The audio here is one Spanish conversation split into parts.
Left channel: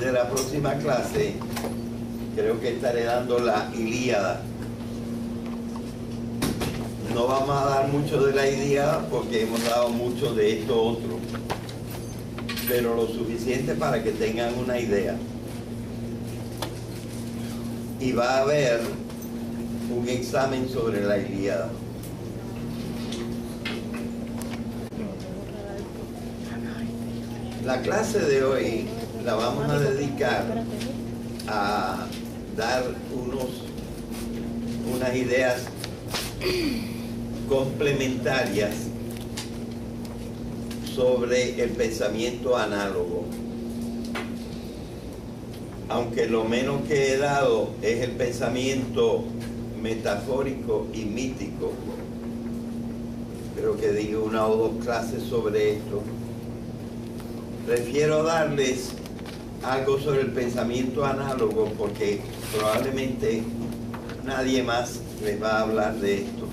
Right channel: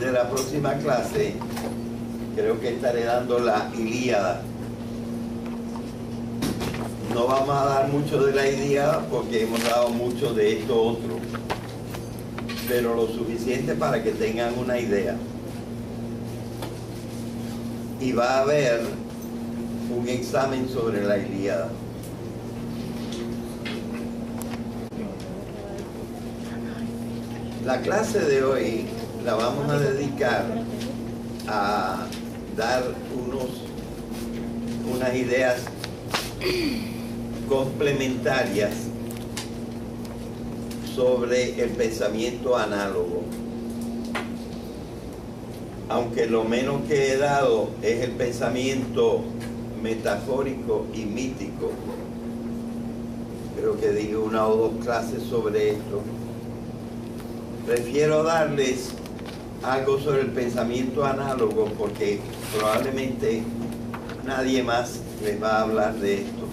De la próxima clase creo que estaré dando la Ilíada. No vamos a dar mucho de la Ilíada porque hemos dado mucho de esto otro, pero lo suficiente para que tengan una idea. Y va a haber un examen sobre la Ilíada. La clase de hoy la vamos a dedicar a dar unas ideas complementarias sobre el pensamiento análogo. Aunque lo menos que he dado es el pensamiento metafórico y mítico. Creo que di una o dos clases sobre esto. Prefiero darles algo sobre el pensamiento análogo porque probablemente nadie más les va a hablar de esto.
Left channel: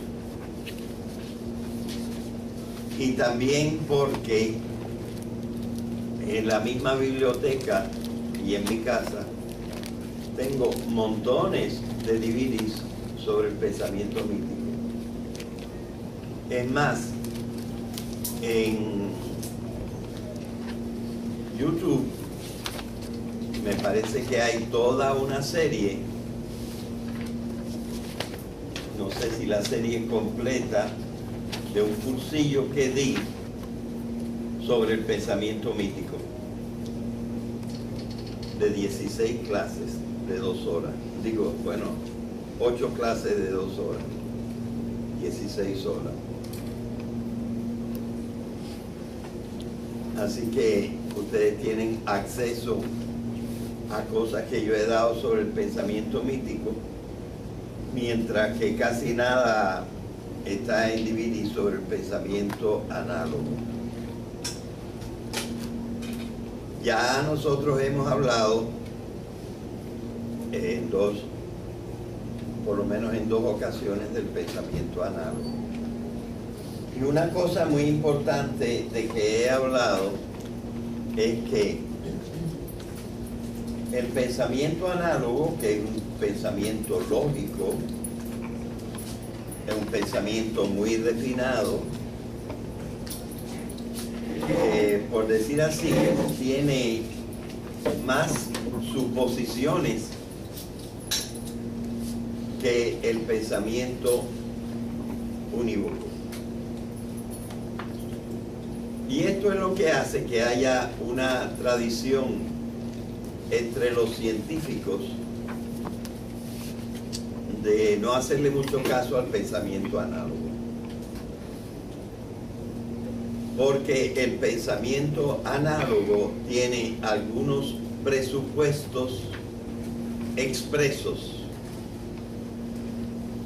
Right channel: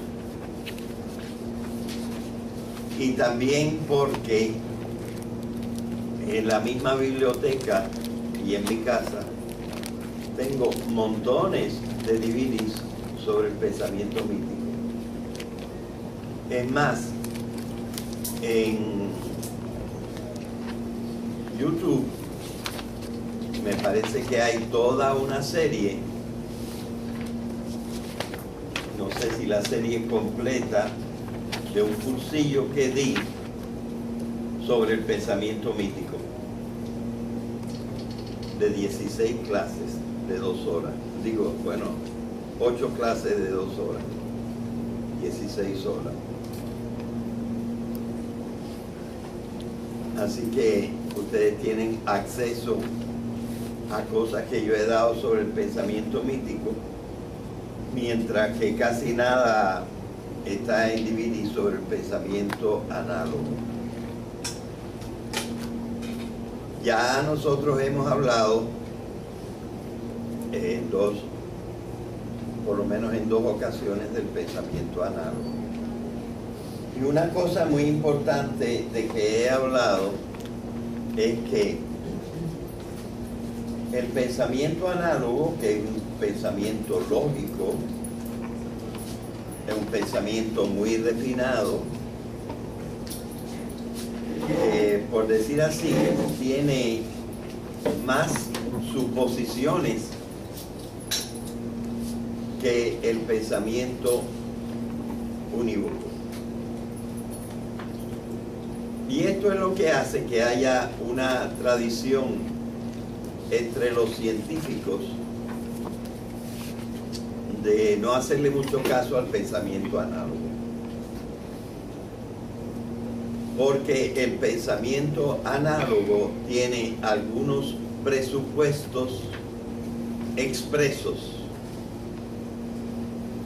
Y también porque en la misma biblioteca y en mi casa tengo montones de DVDs sobre el pensamiento mítico. Es más, en YouTube me parece que hay toda una serie, no sé si la serie completa, de un cursillo que di sobre el pensamiento mítico, de 16 clases de 2 horas. Digo, bueno, 8 clases de 2 horas, 16 horas. Así que ustedes tienen acceso a cosas que yo he dado sobre el pensamiento mítico, mientras que casi nada está en DVD sobre el pensamiento análogo. Ya nosotros hemos hablado por lo menos en 2 ocasiones del pensamiento análogo. Y una cosa muy importante de que he hablado es que el pensamiento análogo, que es un pensamiento lógico, es un pensamiento muy refinado, por decir así, tiene más suposiciones que el pensamiento unívoco. Y esto es lo que hace que haya una tradición entre los científicos de no hacerle mucho caso al pensamiento análogo. Porque el pensamiento análogo tiene algunos presupuestos expresos.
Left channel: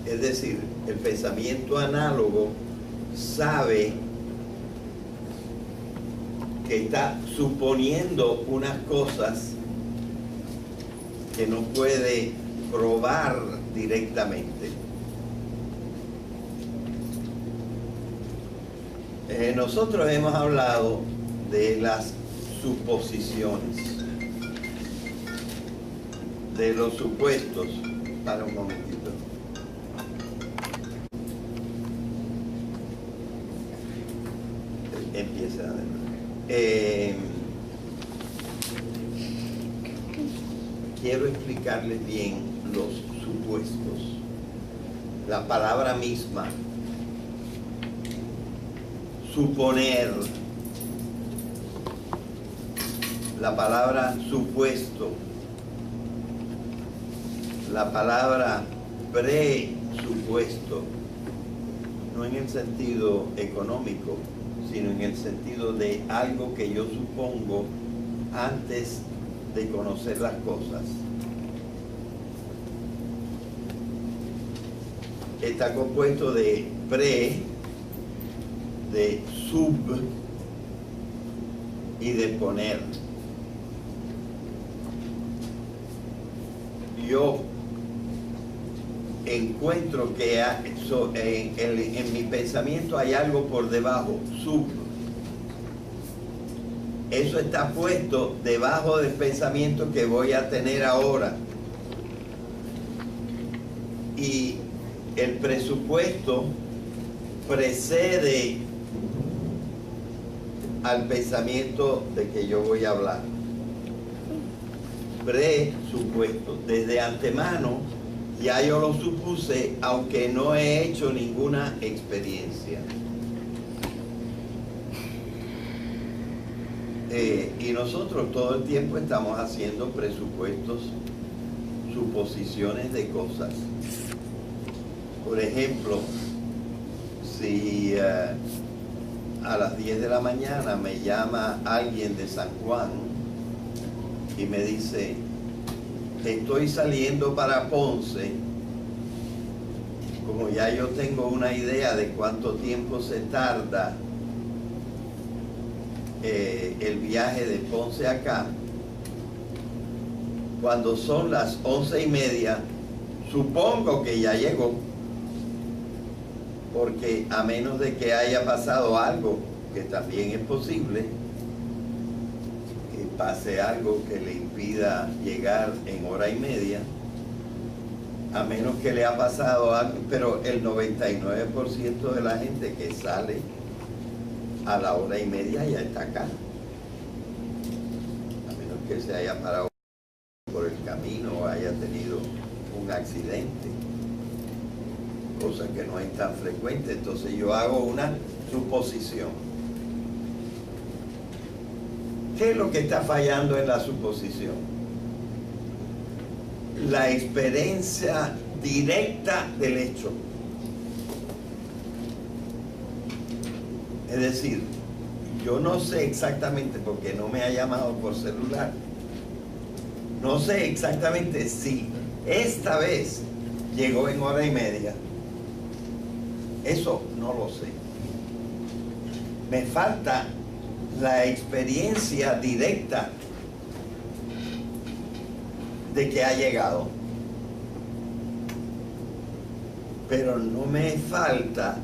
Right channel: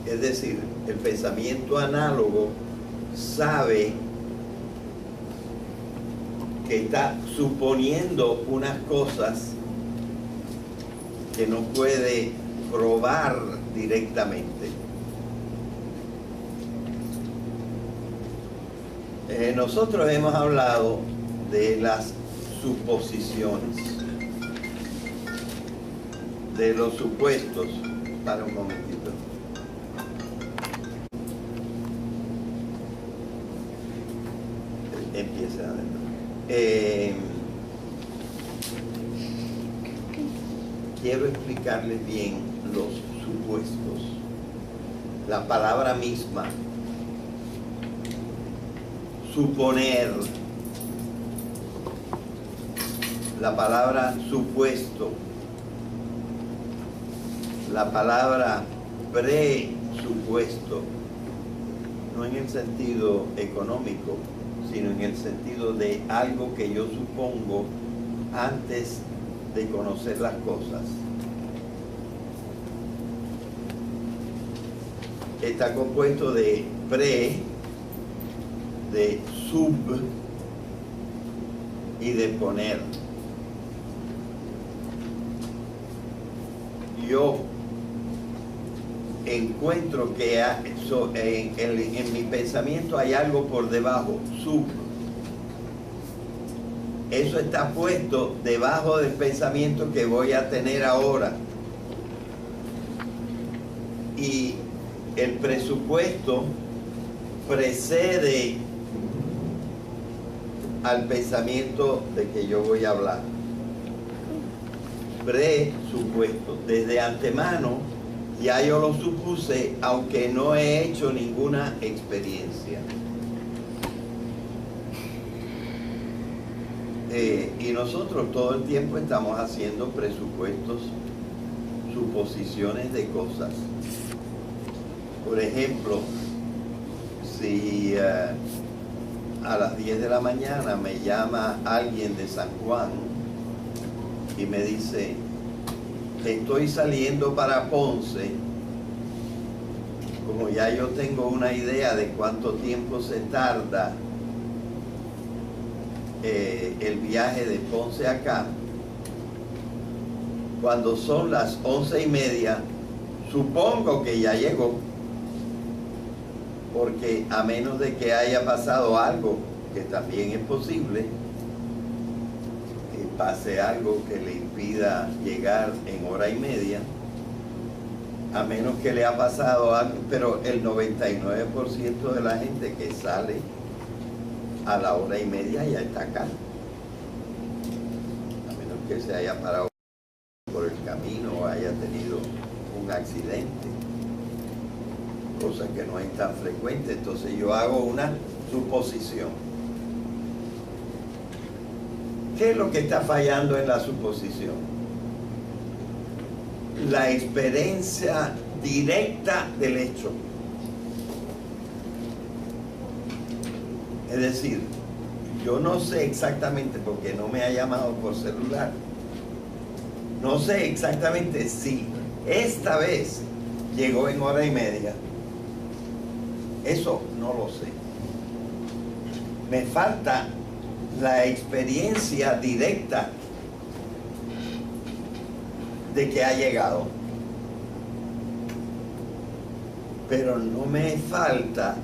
Es decir, el pensamiento análogo sabe que está suponiendo unas cosas que no puede probar directamente. Nosotros hemos hablado de las suposiciones, de los supuestos. Para un momentito. Empieza de nuevo. Quiero explicarles bien los supuestos. La palabra misma, suponer, la palabra supuesto, la palabra presupuesto, no en el sentido económico, sino en el sentido de algo que yo supongo antes de conocer las cosas. Está compuesto de pre, de sub y de poner. Yo encuentro que en mi pensamiento hay algo por debajo, sub. eso está puesto debajo del pensamiento que voy a tener ahora. Y el presupuesto precede al pensamiento de que yo voy a hablar. Presupuesto. Desde antemano ya yo lo supuse, aunque no he hecho ninguna experiencia. Y nosotros todo el tiempo estamos haciendo presupuestos, suposiciones de cosas. Por ejemplo, si a las 10 de la mañana me llama alguien de San Juan y me dice, estoy saliendo para Ponce, como ya yo tengo una idea de cuánto tiempo se tarda el viaje de Ponce acá, cuando son las 11:30, supongo que ya llegó, porque a menos de que haya pasado algo, que también es posible, que pase algo que le impida llegar en 1:30, a menos que le ha pasado algo, pero el 99% de la gente que sale a la 1:30 ya está acá, a menos que se haya parado por el camino o haya tenido un accidente, cosa que no es tan frecuente. Entonces yo hago una suposición. ¿Qué es lo que está fallando en la suposición? La experiencia directa del hecho. Es decir, yo no sé exactamente, porque no me ha llamado por celular, no sé exactamente si esta vez llegó en 1:30. Eso no lo sé. Me falta la experiencia directa de que ha llegado. Pero no me falta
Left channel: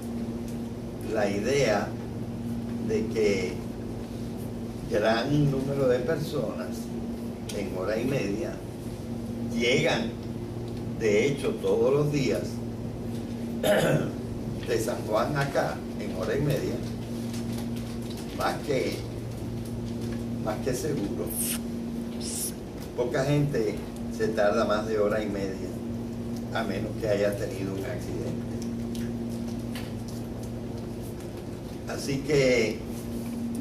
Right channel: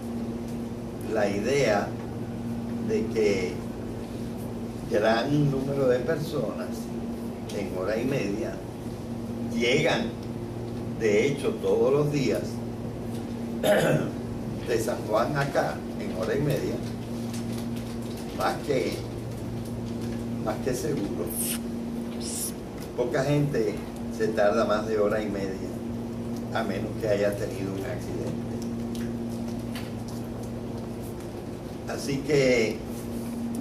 la idea de que gran número de personas en 1:30 llegan, de hecho, todos los días de San Juan acá en 1:30, más que seguro. Poca gente se tarda más de 1:30, a menos que haya tenido un accidente. Así que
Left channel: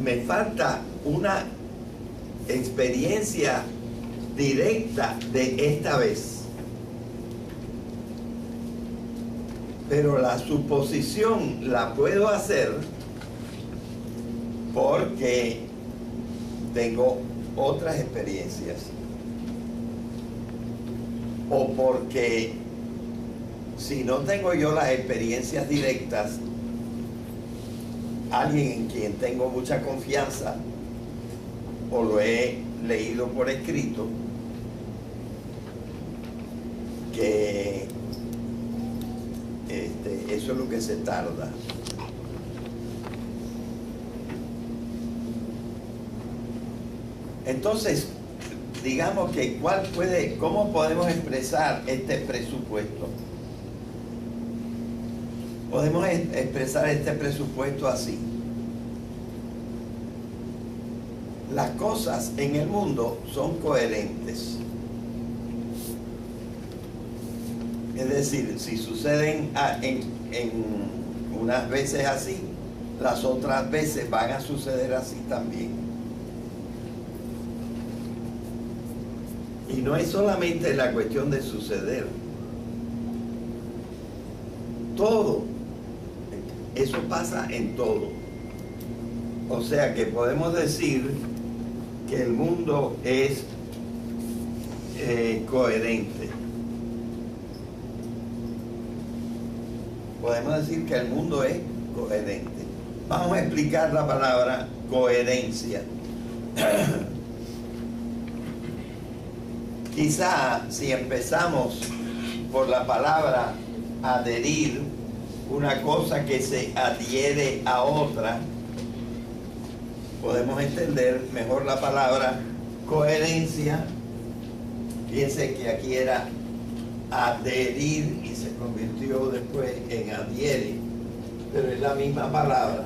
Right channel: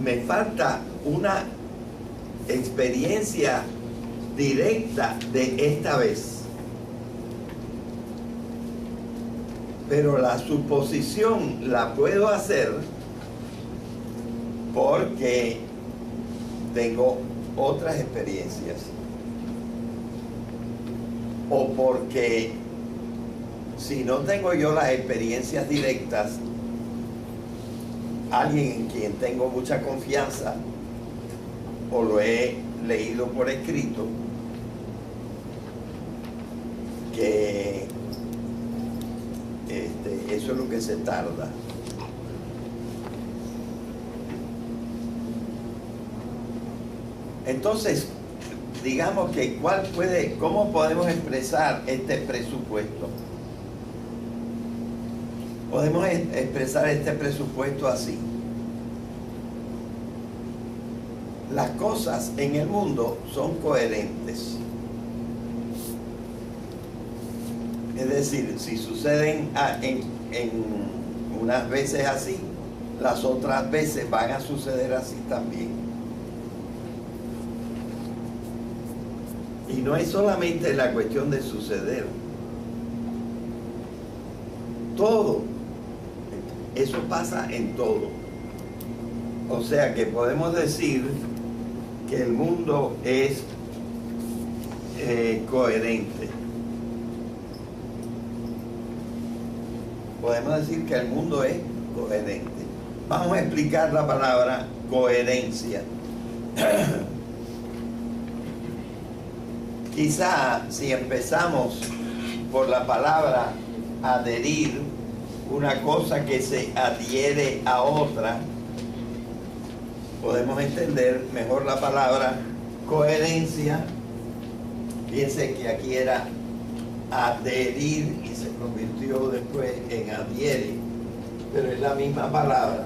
me falta una experiencia directa de esta vez. Pero la suposición la puedo hacer porque tengo otras experiencias. O porque si no tengo yo las experiencias directas, alguien en quien tengo mucha confianza o lo he leído por escrito, que eso es lo que se tarda. Entonces, digamos que ¿cómo podemos expresar este presupuesto? Podemos expresar este presupuesto así. Las cosas en el mundo son coherentes. Es decir, si suceden en unas veces así, las otras veces van a suceder así también. Y no es solamente la cuestión de suceder. Todo. Eso pasa en todo. O sea que podemos decir que el mundo es coherente. Podemos decir que el mundo es coherente. Vamos a explicar la palabra coherencia. Quizá si empezamos por la palabra adherir, una cosa que se adhiere a otra, podemos entender mejor la palabra coherencia. Piense que aquí era adherir y se convirtió después en adhiere, pero es la misma palabra.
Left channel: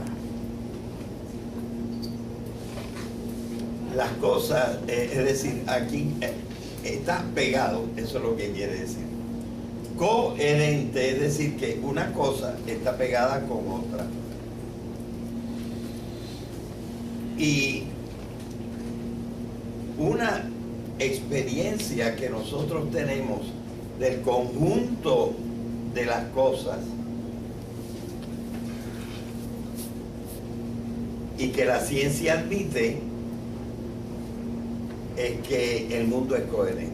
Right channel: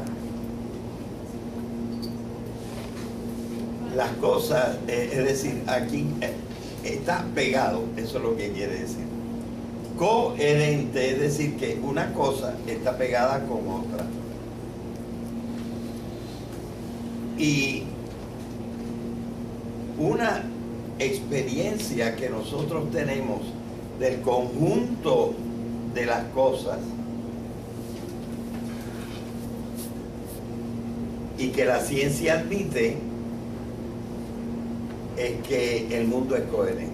Las cosas, es decir, aquí está pegado, eso es lo que quiere decir. Coherente, es decir, que una cosa está pegada con otra. Y una experiencia que nosotros tenemos del conjunto de las cosas y que la ciencia admite es que el mundo es coherente.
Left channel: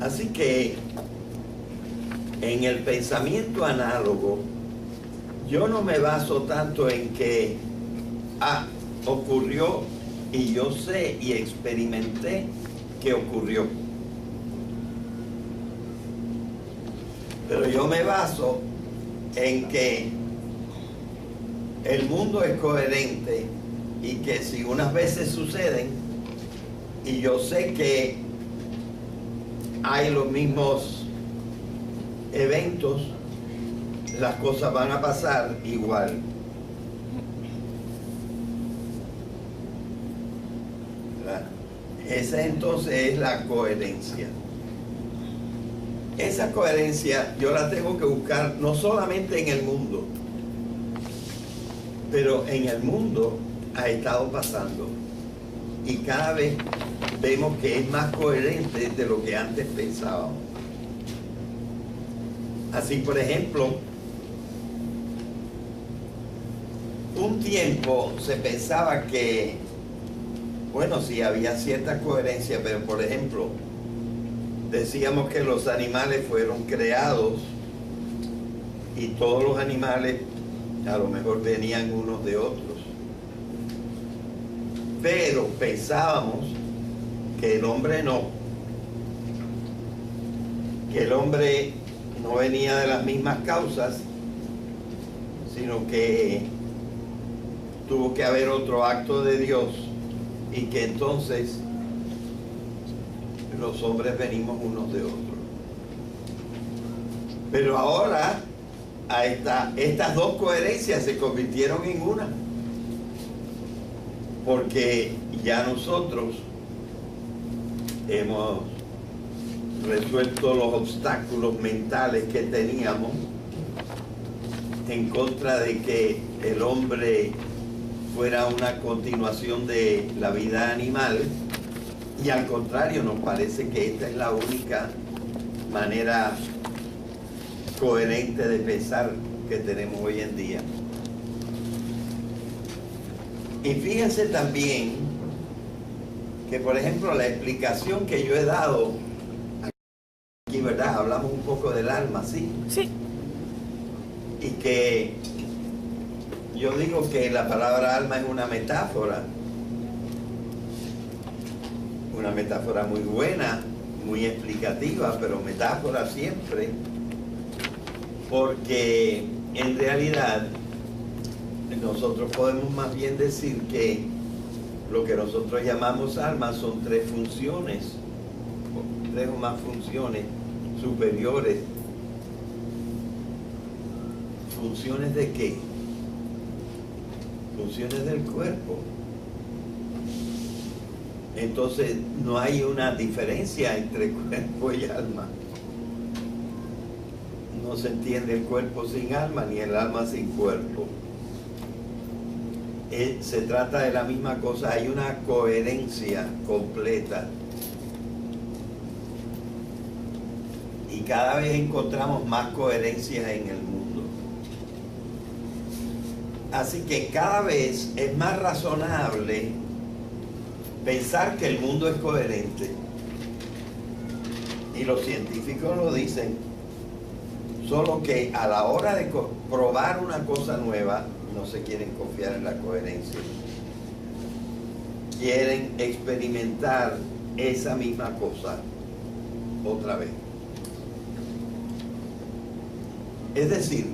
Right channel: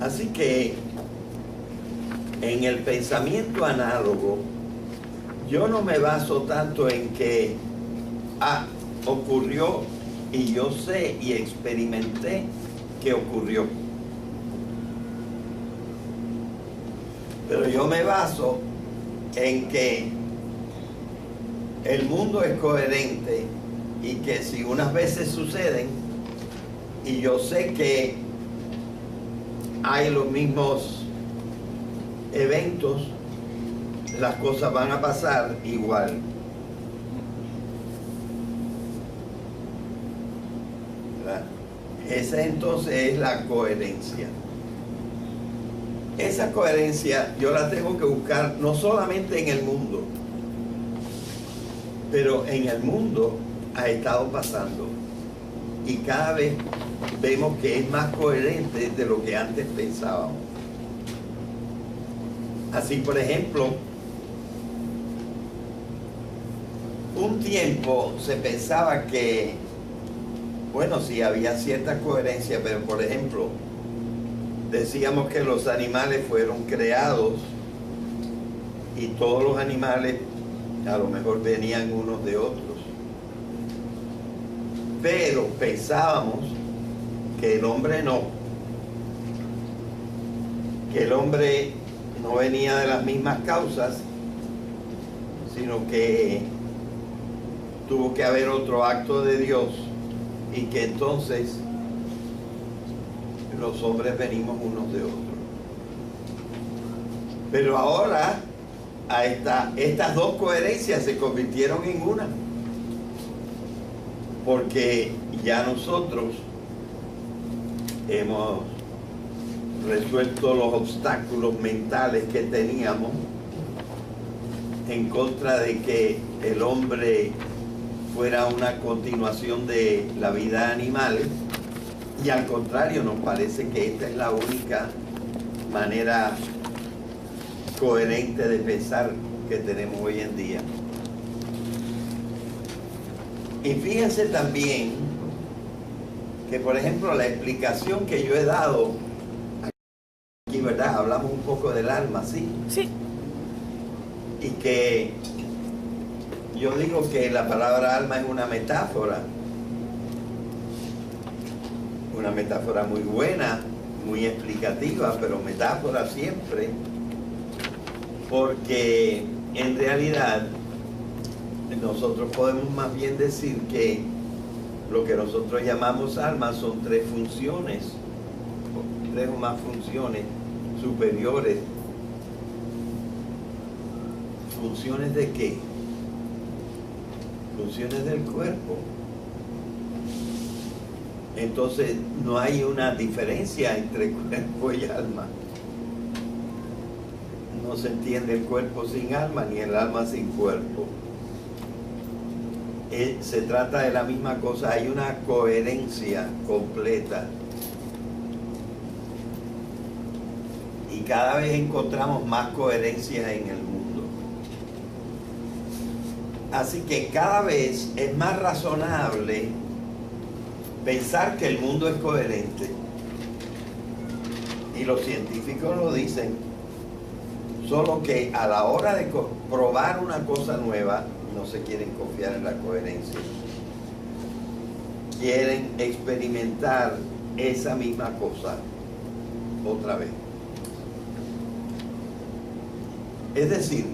Así que en el pensamiento análogo yo no me baso tanto en que ocurrió y yo sé y experimenté que ocurrió, pero yo me baso en que el mundo es coherente y que si unas veces suceden y yo sé que hay los mismos eventos, las cosas van a pasar igual. Esa entonces es la coherencia. Esa coherencia yo la tengo que buscar no solamente en el mundo, pero en el mundo ha estado pasando y cada vez vemos que es más coherente de lo que antes pensábamos. Así, por ejemplo, un tiempo se pensaba que, bueno, sí había cierta coherencia, pero por ejemplo, decíamos que los animales fueron creados y todos los animales a lo mejor venían unos de otros. Pero pensábamos que el hombre no, que el hombre no venía de las mismas causas, sino que tuvo que haber otro acto de Dios y que entonces los hombres venimos unos de otros. Pero ahora estas dos coherencias se convirtieron en una, porque ya nosotros hemos resuelto los obstáculos mentales que teníamos en contra de que el hombre fuera una continuación de la vida animal, y al contrario nos parece que esta es la única manera coherente de pensar que tenemos hoy en día. Y fíjense también que, por ejemplo, la explicación que yo he dado aquí, ¿verdad? Hablamos un poco del alma, ¿sí? Sí. Y que yo digo que la palabra alma es una metáfora muy buena, muy explicativa, pero metáfora siempre, porque en realidad nosotros podemos más bien decir que lo que nosotros llamamos alma son tres funciones, tres o más funciones superiores. ¿Funciones de qué? Funciones del cuerpo. Entonces no hay una diferencia entre cuerpo y alma. No se entiende el cuerpo sin alma ni el alma sin cuerpo. Se trata de la misma cosa, hay una coherencia completa. Y cada vez encontramos más coherencia en el mundo. Así que cada vez es más razonable pensar que el mundo es coherente. Y los científicos lo dicen. Solo que a la hora de probar una cosa nueva, no se quieren confiar en la coherencia. Quieren experimentar esa misma cosa otra vez. Es decir,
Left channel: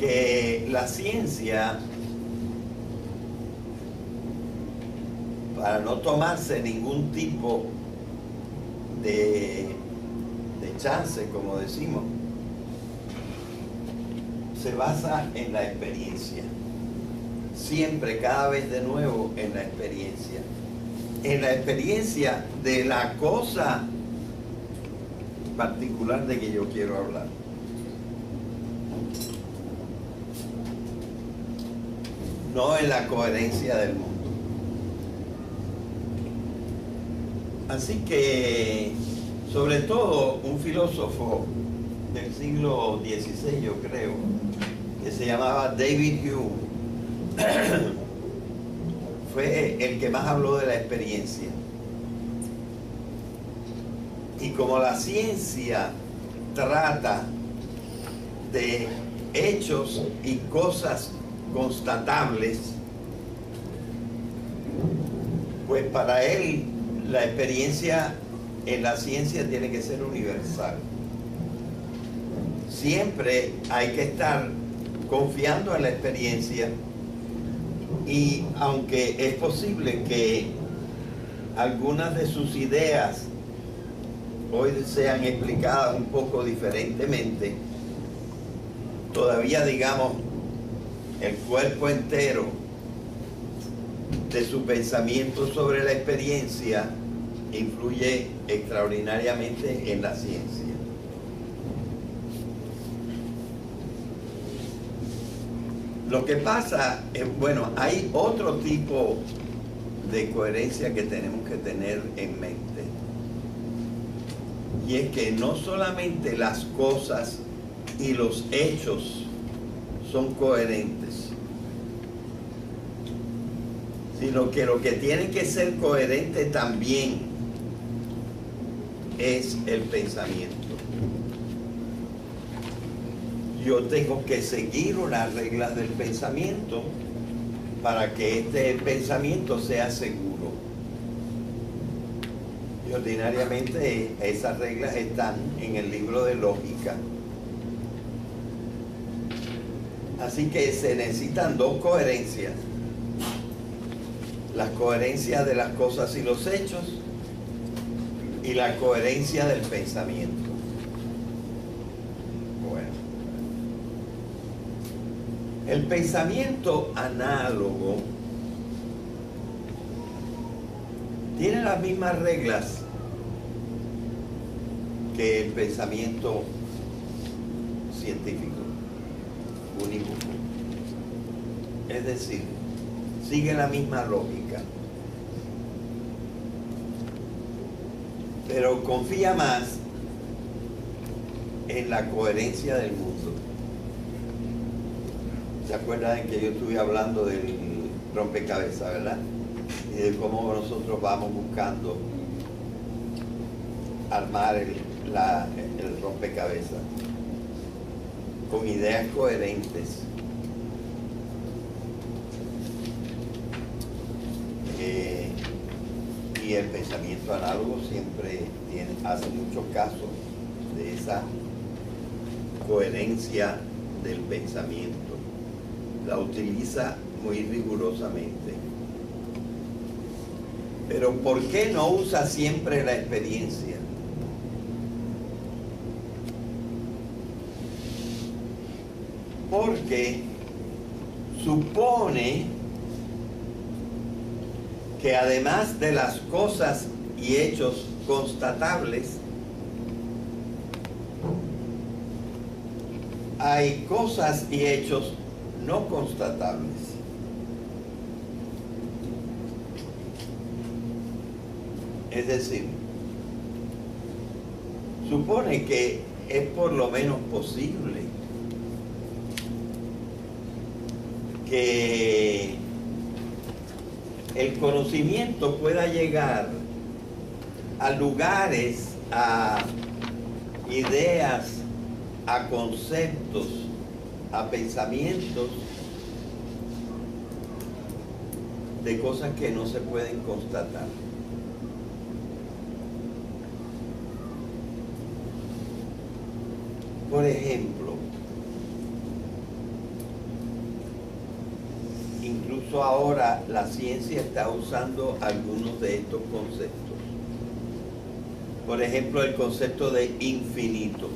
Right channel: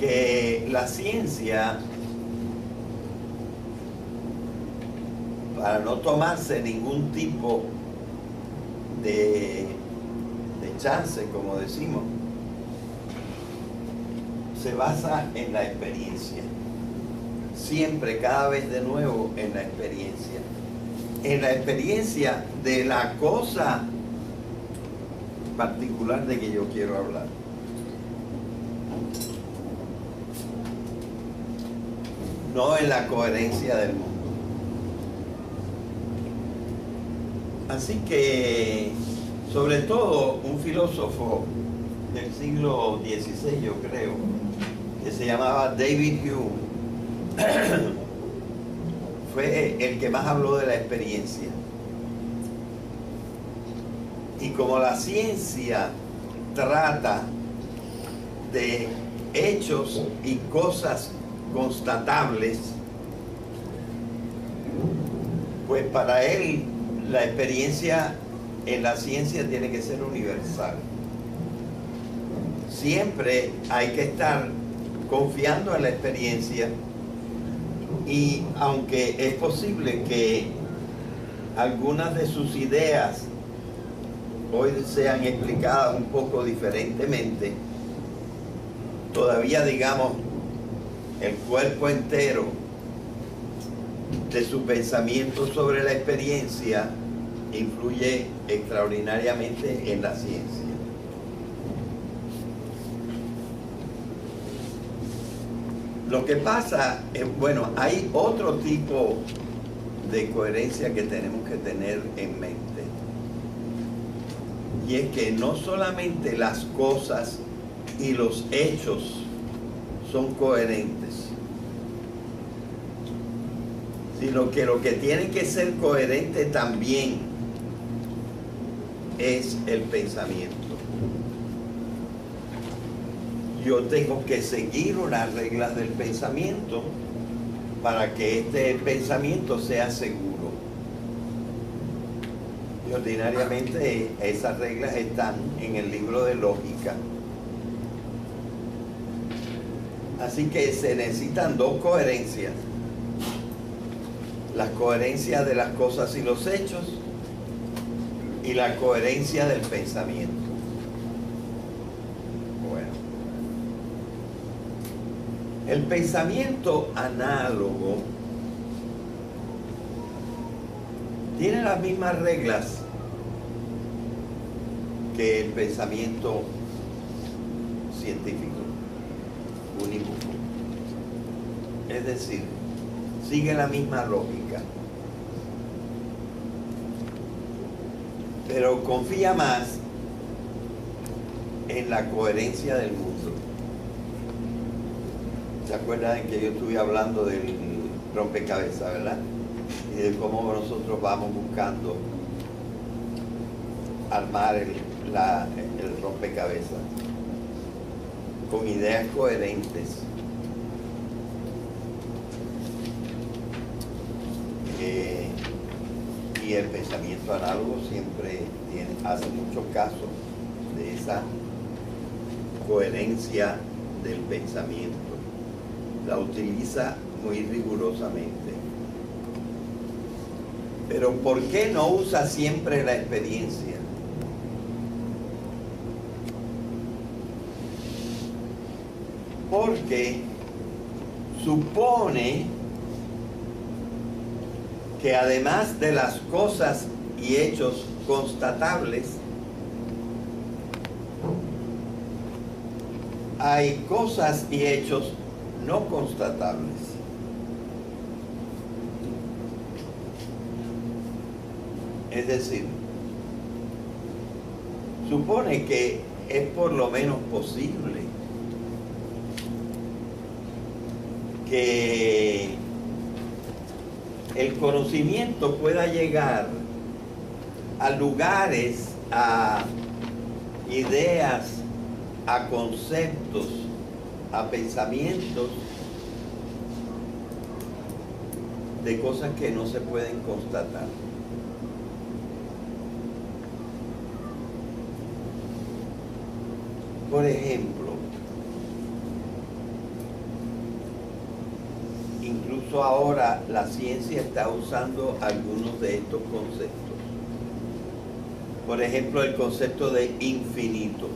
que la ciencia, para no tomarse ningún tipo de chance, como decimos, se basa en la experiencia. Siempre, cada vez de nuevo, en la experiencia. En la experiencia de la cosa particular de que yo quiero hablar. No en la coherencia del mundo. Así que, sobre todo, un filósofo del siglo XVI, yo creo, que se llamaba David Hume, fue el que más habló de la experiencia. Y como la ciencia trata de hechos y cosas constatables, pues para él la experiencia en la ciencia tiene que ser universal. Siempre hay que estar confiando en la experiencia, y aunque es posible que algunas de sus ideas hoy sean explicadas un poco diferentemente, todavía, digamos, el cuerpo entero de su pensamiento sobre la experiencia influye extraordinariamente en la ciencia. Lo que pasa es, bueno, hay otro tipo de coherencia que tenemos que tener en mente. Y es que no solamente las cosas y los hechos son coherentes, sino que lo que tiene que ser coherente también es el pensamiento. Yo tengo que seguir unas reglas del pensamiento para que este pensamiento sea seguro. Y ordinariamente esas reglas están en el libro de lógica. Así que se necesitan dos coherencias. La coherencia de las cosas y los hechos y la coherencia del pensamiento. Bueno, el pensamiento análogo tiene las mismas reglas que el pensamiento científico, unívoco. Es decir, sigue la misma lógica, pero confía más en la coherencia del mundo. ¿Se acuerdan que yo estuve hablando del rompecabezas, verdad? Y de cómo nosotros vamos buscando armar el rompecabezas con ideas coherentes. Y el pensamiento análogo siempre hace mucho caso de esa coherencia del pensamiento. La utiliza muy rigurosamente. Pero ¿por qué no usa siempre la experiencia? Porque supone que además de las cosas y hechos constatables, hay cosas y hechos no constatables. Es decir, supone que es por lo menos posible que el conocimiento pueda llegar a lugares, a ideas, a conceptos, a pensamientos de cosas que no se pueden constatar. Por ejemplo, incluso ahora la ciencia está usando algunos de estos conceptos. Por ejemplo, el concepto de infinito.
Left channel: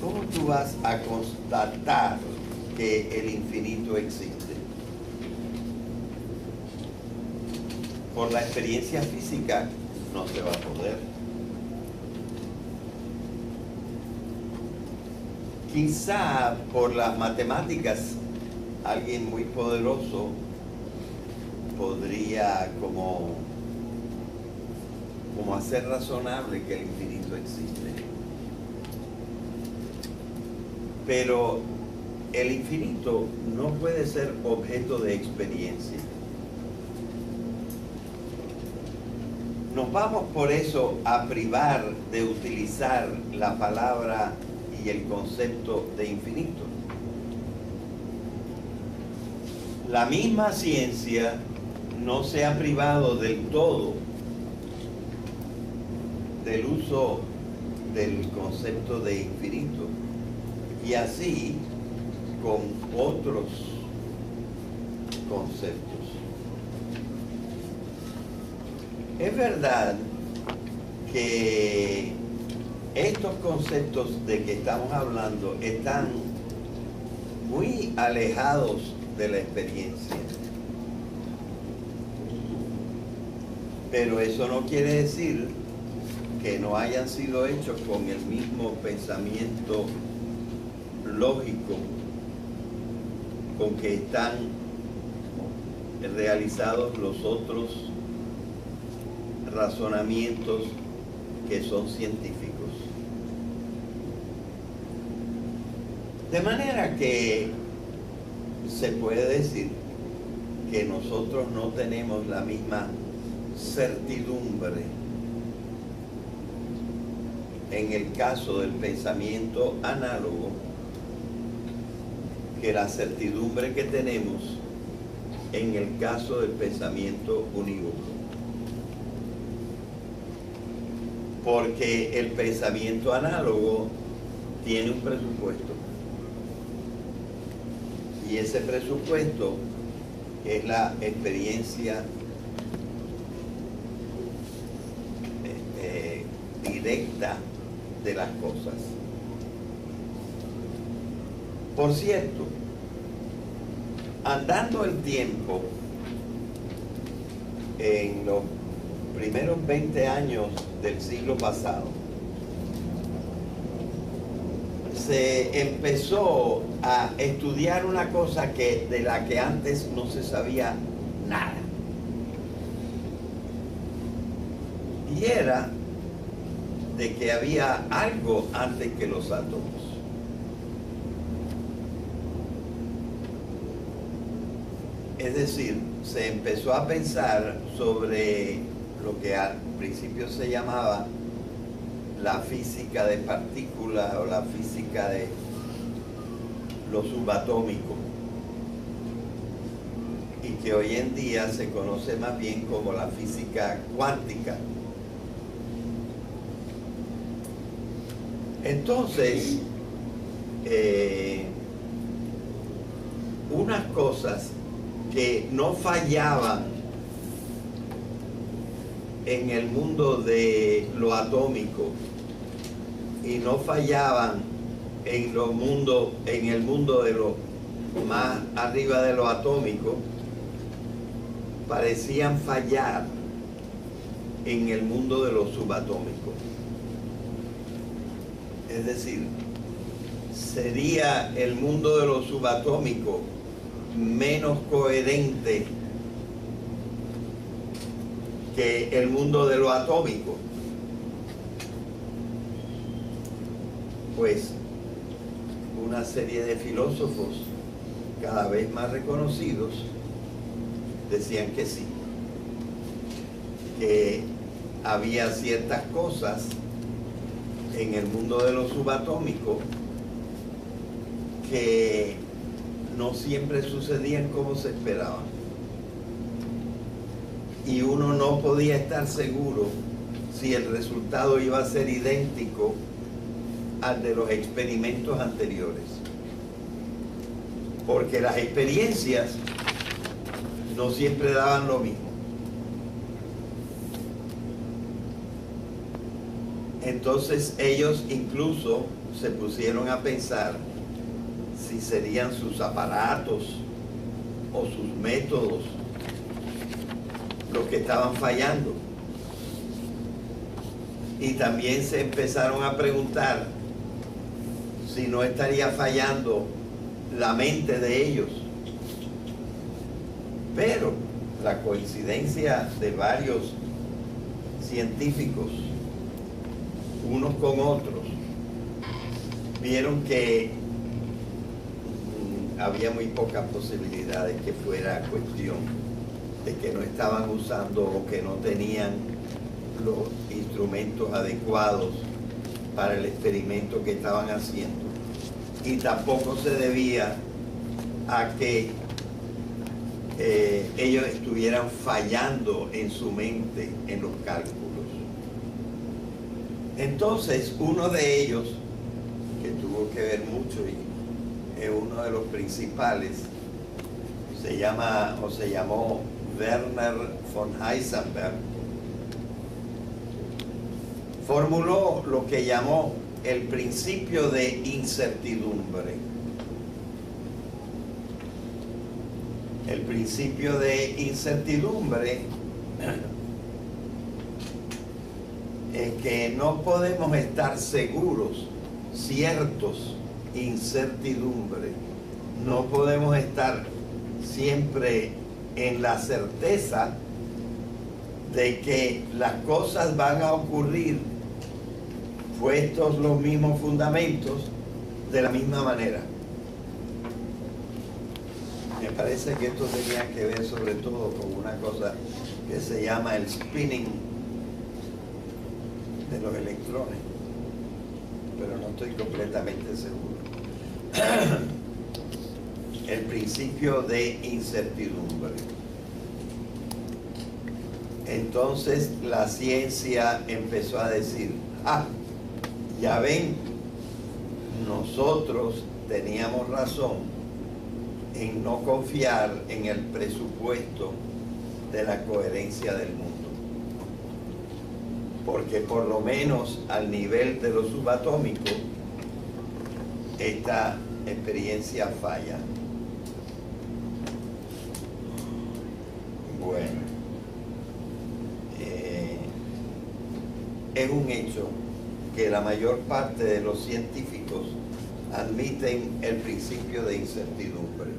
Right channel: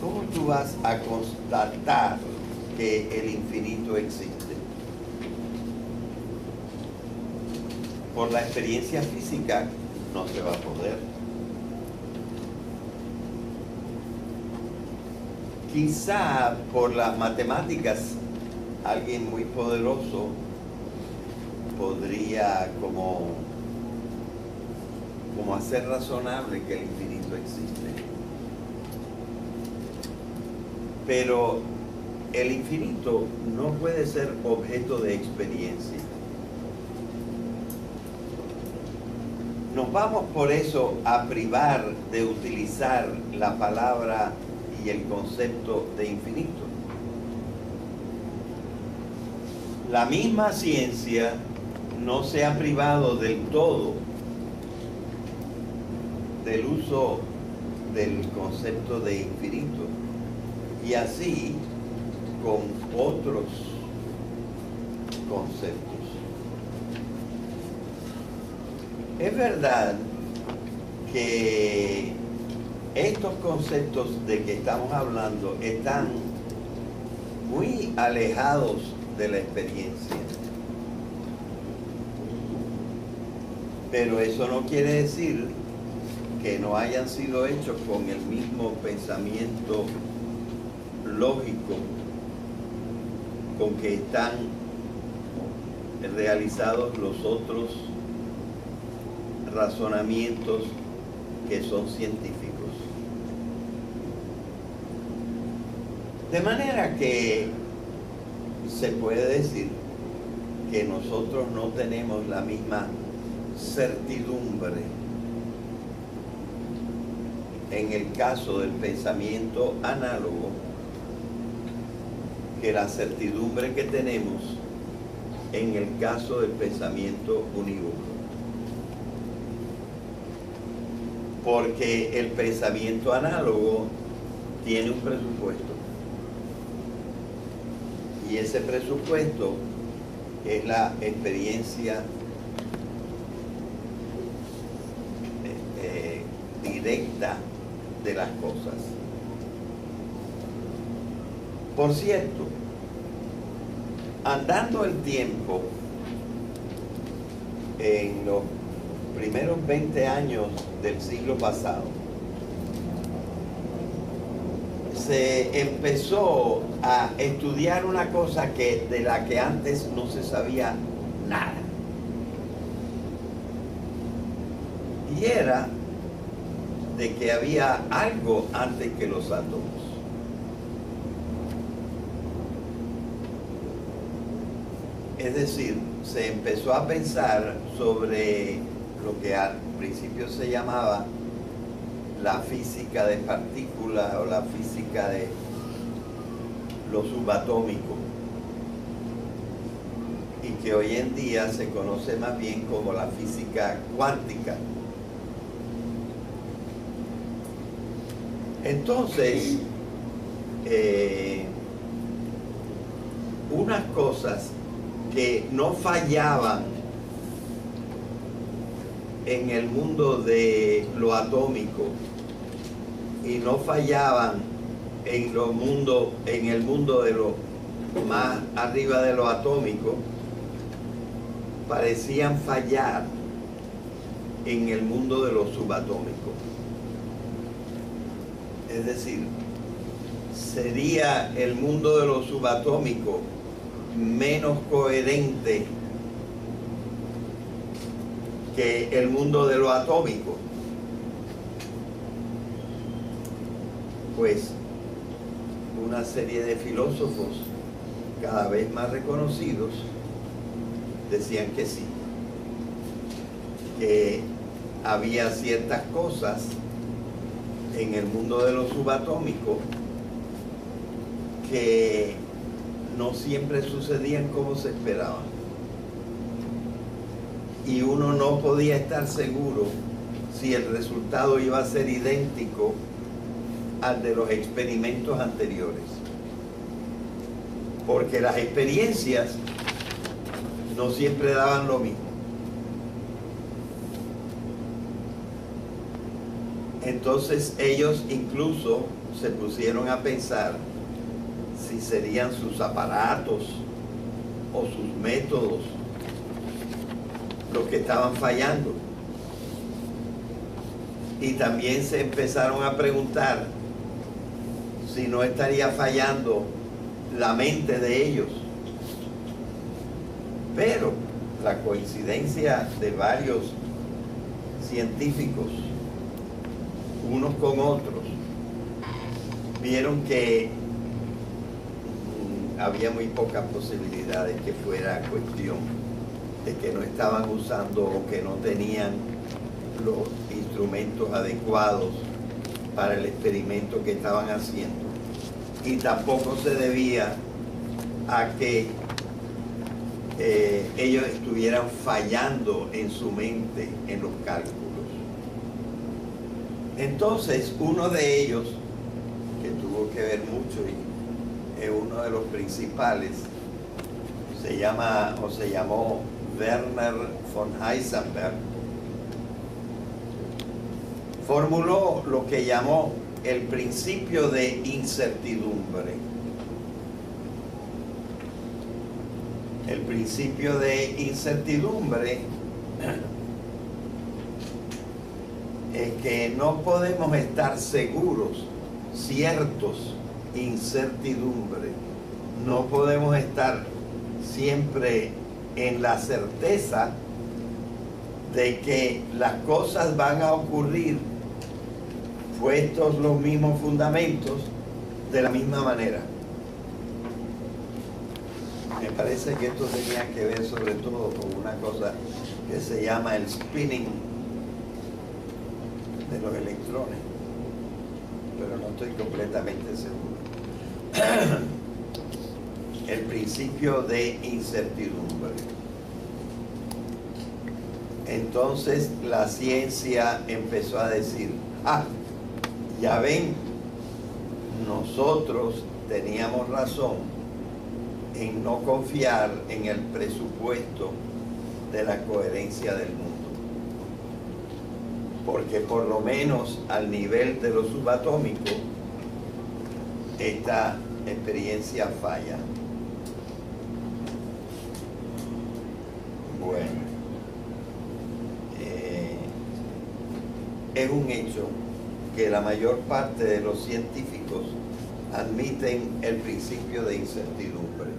¿Cómo tú vas a constatar que el infinito existe? Por la experiencia física no se va a poder. Quizá por las matemáticas alguien muy poderoso podría como hacer razonable que el infinito existe. Pero el infinito no puede ser objeto de experiencia. Nos vamos por eso a privar de utilizar la palabra y el concepto de infinito. La misma ciencia no se ha privado del todo del uso del concepto de infinito, y así con otros conceptos. Es verdad que estos conceptos de que estamos hablando están muy alejados de la experiencia. Pero eso no quiere decir que no hayan sido hechos con el mismo pensamiento lógico con que están realizados los otros razonamientos que son científicos. De manera que se puede decir que nosotros no tenemos la misma certidumbre en el caso del pensamiento análogo que la certidumbre que tenemos en el caso del pensamiento unívoco. Porque el pensamiento análogo tiene un presupuesto. Y ese presupuesto es la experiencia directa de las cosas. Por cierto, andando el tiempo, en los primeros 20 años del siglo pasado, se empezó a estudiar una cosa de la que antes no se sabía nada. Y era de que había algo antes que los átomos. Es decir, se empezó a pensar sobre lo que al principio se llamaba la física de partículas o la física de lo subatómico, y que hoy en día se conoce más bien como la física cuántica. Entonces, unas cosas que no fallaban en el mundo de lo atómico y no fallaban en el mundo de lo más arriba de lo atómico, parecían fallar en el mundo de lo subatómico. Es decir, sería el mundo de lo subatómico menos coherente que el mundo de lo atómico. Pues una serie de filósofos cada vez más reconocidos decían que sí, que había ciertas cosas en el mundo de lo subatómico que no siempre sucedían como se esperaba. Y uno no podía estar seguro si el resultado iba a ser idéntico al de los experimentos anteriores. Porque las experiencias no siempre daban lo mismo. Entonces ellos incluso se pusieron a pensar si serían sus aparatos o sus métodos los que estaban fallando. Y también se empezaron a preguntar si no estaría fallando la mente de ellos. Pero la coincidencia de varios científicos, unos con otros, vieron que había muy pocas posibilidades que fuera cuestión de que no estaban usando o que no tenían los instrumentos adecuados para el experimento que estaban haciendo. Y tampoco se debía a que ellos estuvieran fallando en su mente en los cálculos. Entonces, uno de ellos, que tuvo que ver mucho y es uno de los principales, se llamó Werner von Heisenberg, formuló lo que llamó el principio de incertidumbre. El principio de incertidumbre es que no podemos estar seguros, ciertos, incertidumbre. No podemos estar siempre en la certeza de que las cosas van a ocurrir puestos los mismos fundamentos de la misma manera. Me parece que esto tenía que ver sobre todo con una cosa que se llama el spinning de los electrones, pero no estoy completamente seguro. El principio de incertidumbre. Entonces la ciencia empezó a decir, ya ven, nosotros teníamos razón en no confiar en el presupuesto de la coherencia del mundo. Porque por lo menos al nivel de lo subatómico, esta experiencia falla. Bueno, es un hecho que la mayor parte de los científicos admiten el principio de incertidumbre.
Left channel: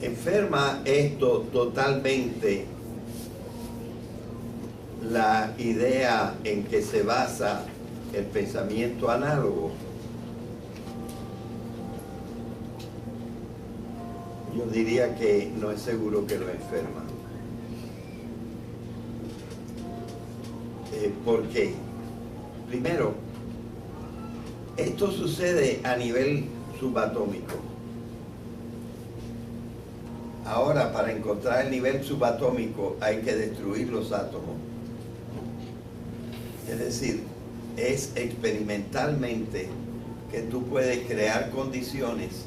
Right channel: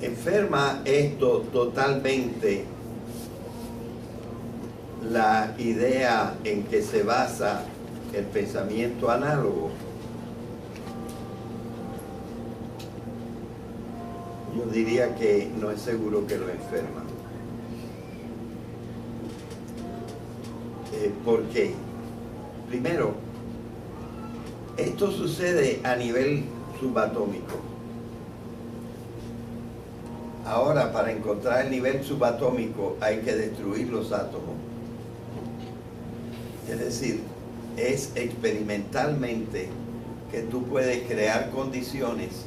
Enferma esto totalmente la idea en que se basa el pensamiento análogo. Yo diría que no es seguro que lo enferma. ¿Por qué? Primero, esto sucede a nivel subatómico. Ahora, para encontrar el nivel subatómico hay que destruir los átomos. Es decir, es experimentalmente que tú puedes crear condiciones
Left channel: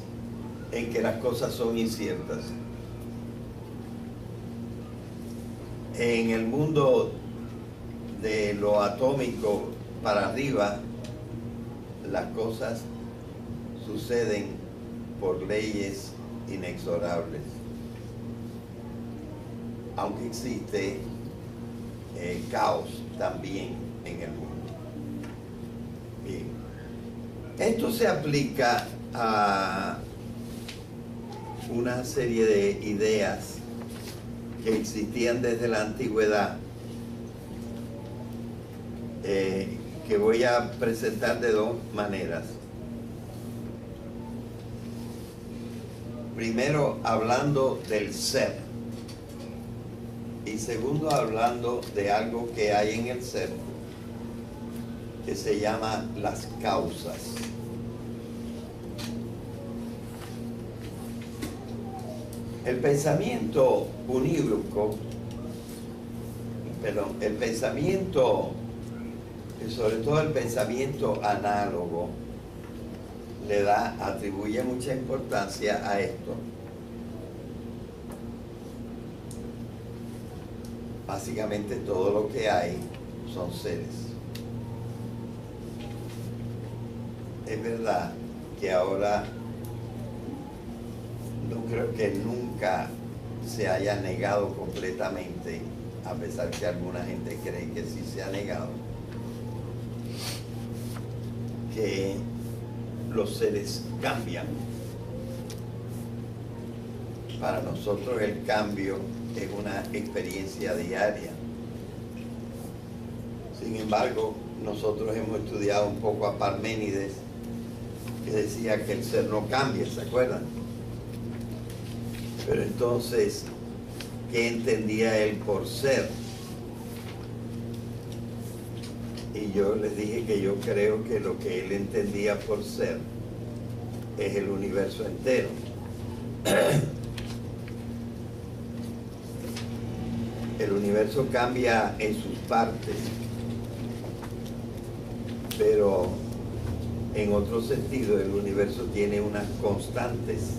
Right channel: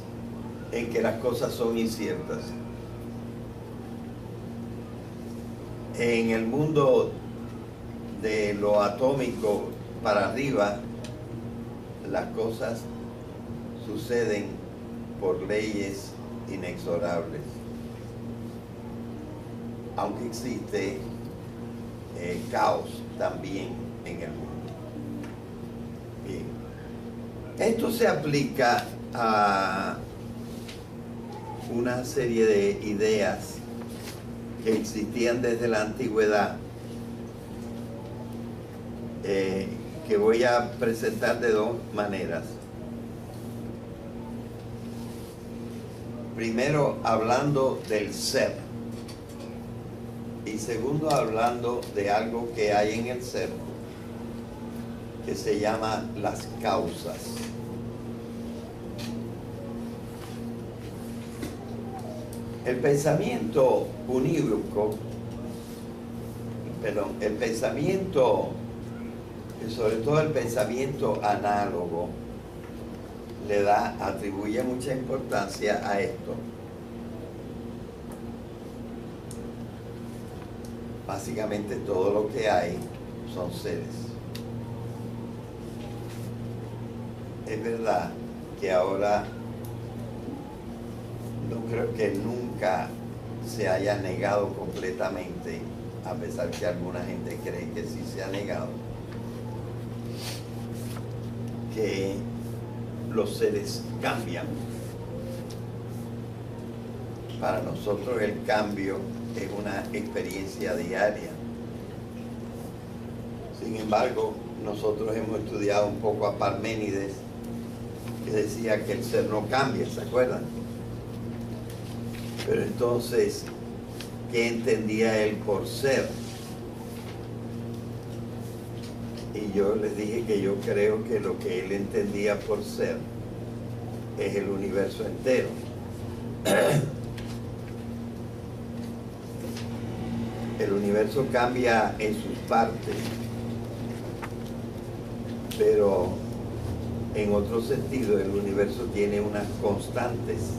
en que las cosas son inciertas. En el mundo de lo atómico para arriba, las cosas suceden por leyes inexorables. Aunque existe caos también en el mundo. Bien. Esto se aplica a una serie de ideas que existían desde la antigüedad, que voy a presentar de dos maneras. Primero, hablando del ser, y segundo, hablando de algo que hay en el ser que se llama las causas. El pensamiento unívoco, el pensamiento Y sobre todo el pensamiento análogo atribuye mucha importancia a esto. Básicamente todo lo que hay son seres. Es verdad que ahora no creo que nunca se haya negado completamente, a pesar que alguna gente cree que sí se ha negado, que los seres cambian. Para nosotros el cambio es una experiencia diaria. Sin embargo, nosotros hemos estudiado un poco a Parménides, que decía que el ser no cambia, ¿se acuerdan? Pero entonces, ¿qué entendía él por ser? Y yo les dije que yo creo que lo que él entendía por ser es el universo entero. El universo cambia en sus partes, pero en otro sentido el universo tiene unas constantes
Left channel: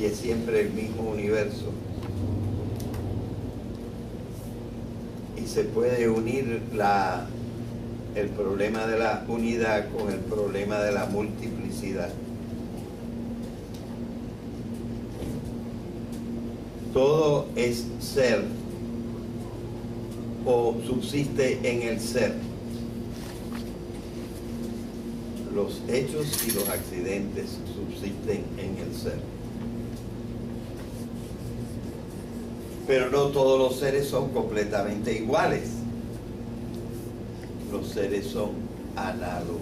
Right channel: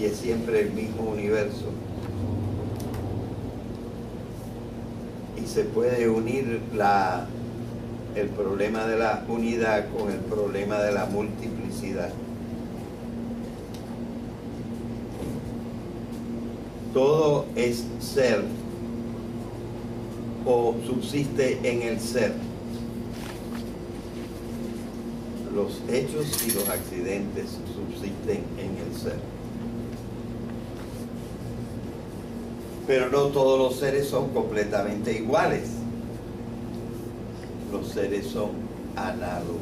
y es siempre el mismo universo. Y se puede unir el problema de la unidad con el problema de la multiplicidad. Todo es ser o subsiste en el ser. Los hechos y los accidentes subsisten en el ser. Pero no todos los seres son completamente iguales. Los seres son análogos.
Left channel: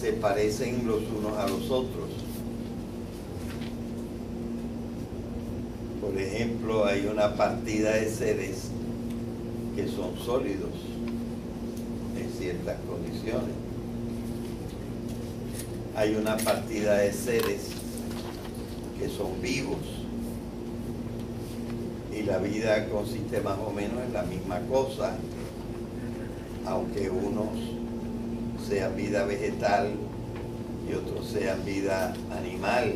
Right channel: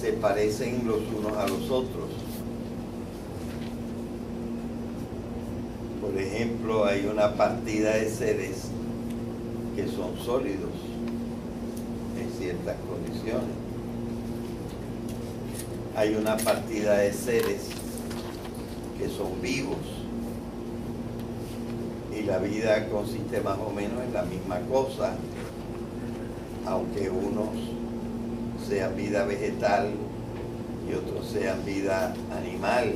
Se parecen los unos a los otros. Por ejemplo, hay una partida de seres que son sólidos en ciertas condiciones. Hay una partida de seres que son vivos. Y la vida consiste más o menos en la misma cosa, aunque unos sean vida vegetal y otros sean vida animal.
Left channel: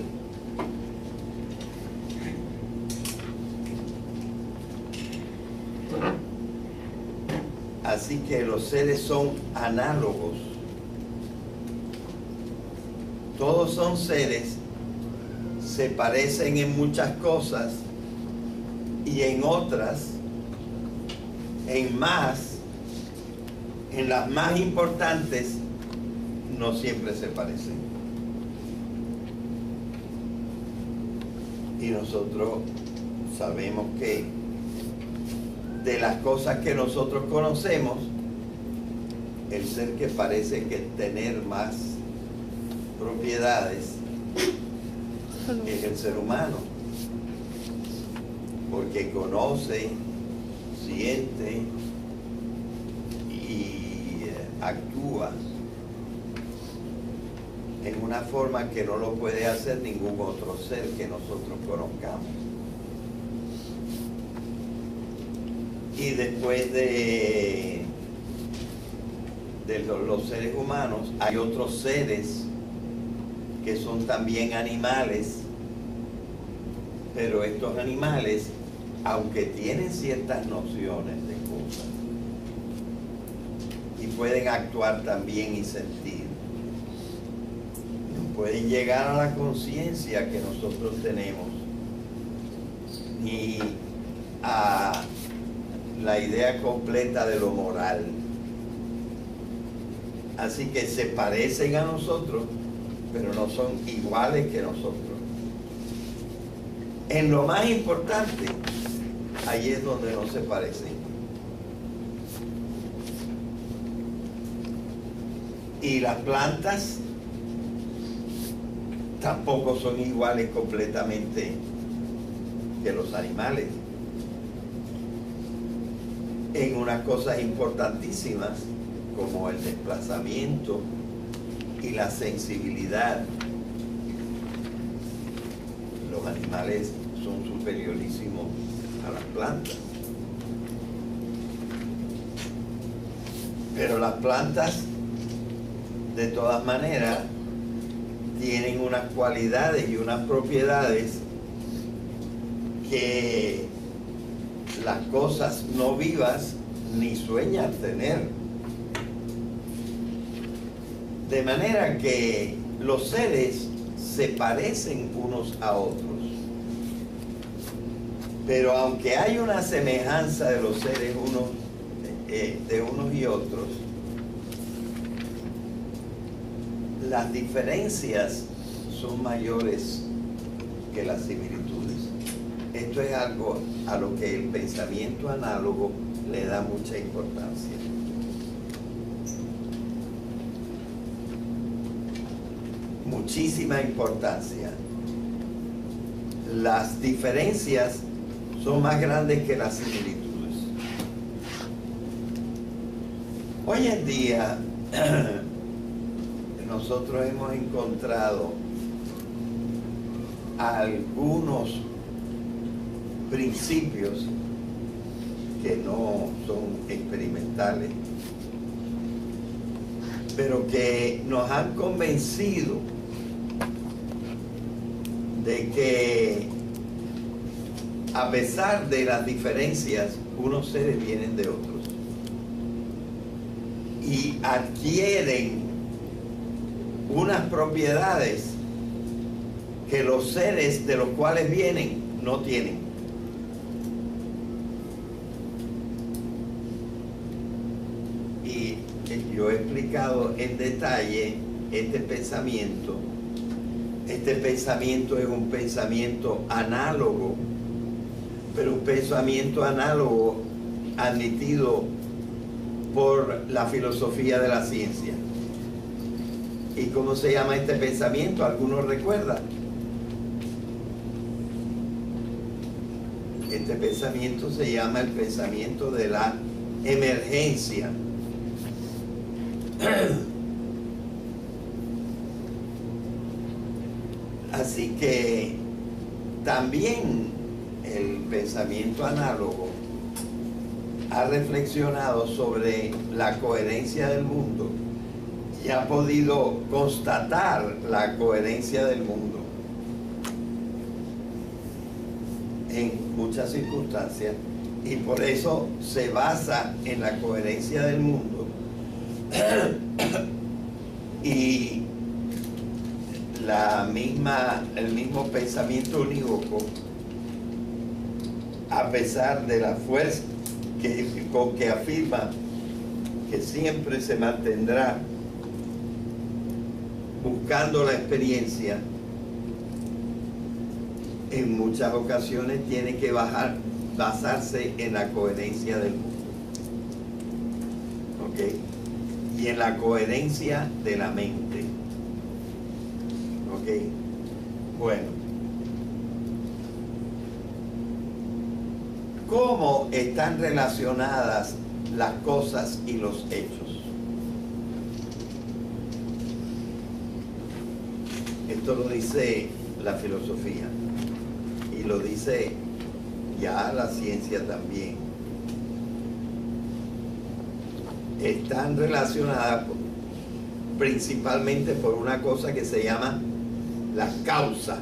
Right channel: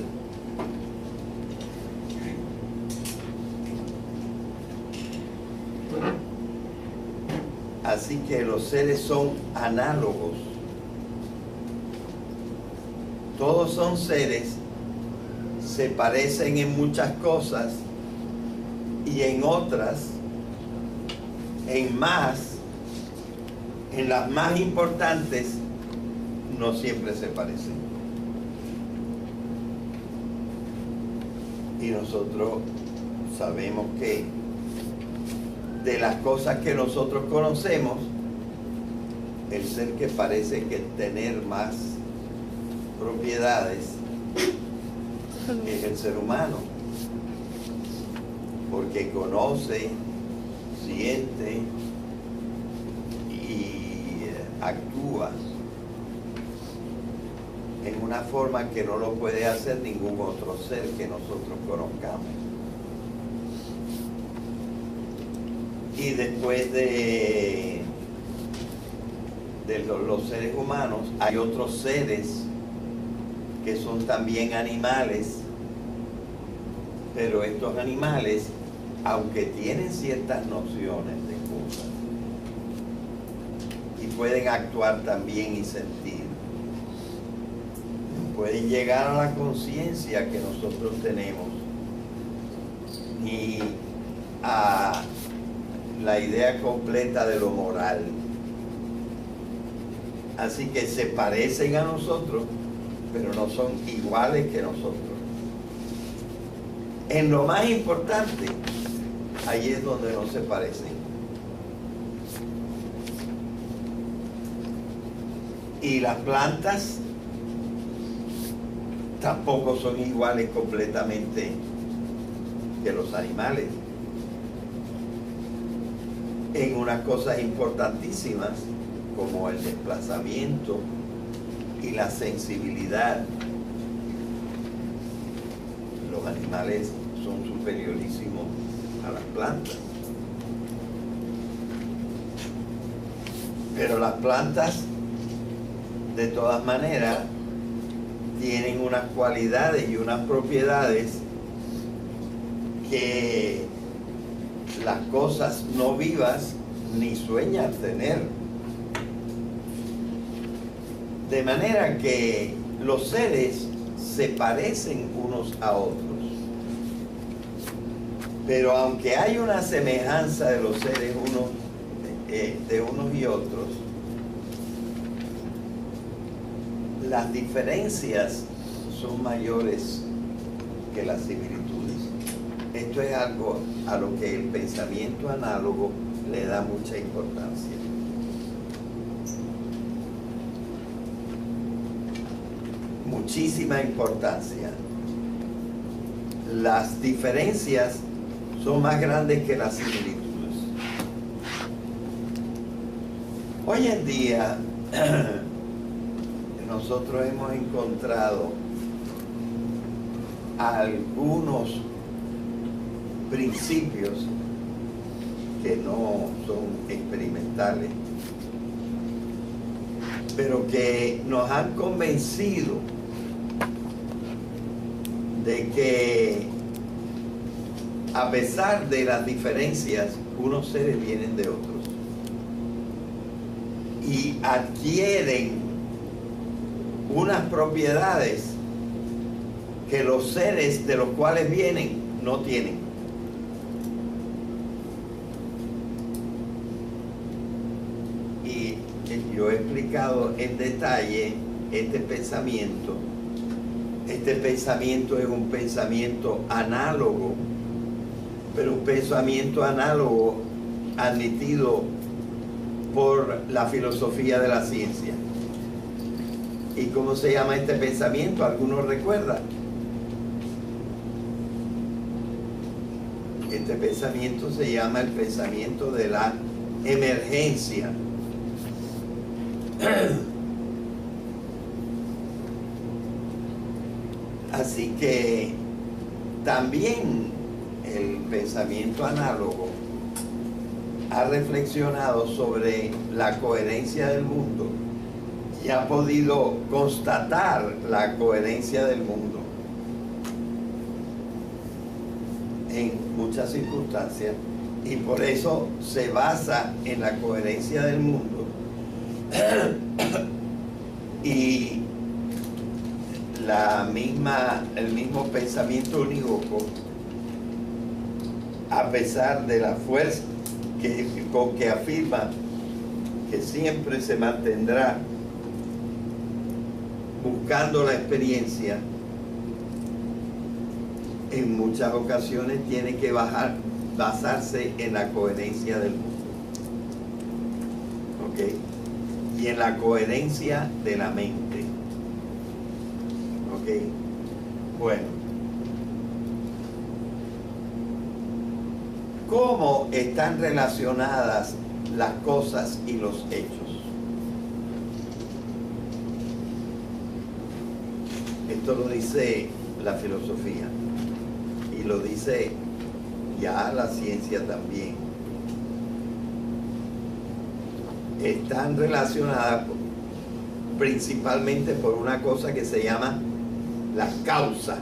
Así que los seres son análogos. Todos son seres, se parecen en muchas cosas y en otras, en las más importantes, no siempre se parecen. Y nosotros sabemos que de las cosas que nosotros conocemos, el ser que parece que tener más propiedades es el ser humano, porque conoce, siente y actúa en una forma que no lo puede hacer ningún otro ser que nosotros conozcamos. Y después de los seres humanos, hay otros seres que son también animales, pero estos animales, aunque tienen ciertas nociones de cosas y pueden actuar también y sentir, no pueden llegar a la conciencia que nosotros tenemos ni a la idea completa de lo moral. Así que se parecen a nosotros, pero no son iguales que nosotros. En lo más importante, ahí es donde no se parecen. Y las plantas tampoco son iguales completamente que los animales. En unas cosas importantísimas como el desplazamiento y la sensibilidad, los animales son superiorísimos a las plantas. Pero las plantas, de todas maneras, tienen unas cualidades y unas propiedades que las cosas no vivas ni sueñan tener. De manera que los seres se parecen unos a otros. Pero aunque hay una semejanza de los seres de unos y otros, las diferencias son mayores que las similitudes. Esto es algo a lo que el pensamiento análogo le da mucha importancia. Muchísima importancia. Las diferencias son más grandes que las similitudes. Hoy en día nosotros hemos encontrado algunos principios que no son experimentales, pero que nos han convencido de que a pesar de las diferencias, unos seres vienen de otros y adquieren unas propiedades que los seres de los cuales vienen no tienen. Y yo he explicado en detalle este pensamiento. Este pensamiento es un pensamiento análogo, pero un pensamiento análogo admitido por la filosofía de la ciencia. ¿Y cómo se llama este pensamiento? ¿Alguno recuerda? Este pensamiento se llama el pensamiento de la emergencia. Así que también el pensamiento análogo ha reflexionado sobre la coherencia del mundo y ha podido constatar la coherencia del mundo en muchas circunstancias, y por eso se basa en la coherencia del mundo y el mismo pensamiento unívoco, a pesar de la fuerza con que afirma que siempre se mantendrá buscando la experiencia, en muchas ocasiones tiene que basarse en la coherencia del mundo. ¿Ok? Y en la coherencia de la mente. ¿Ok? Bueno. ¿Cómo están relacionadas las cosas y los hechos? Esto lo dice la filosofía y lo dice ya la ciencia también. Están relacionadas principalmente por una cosa que se llama la causa.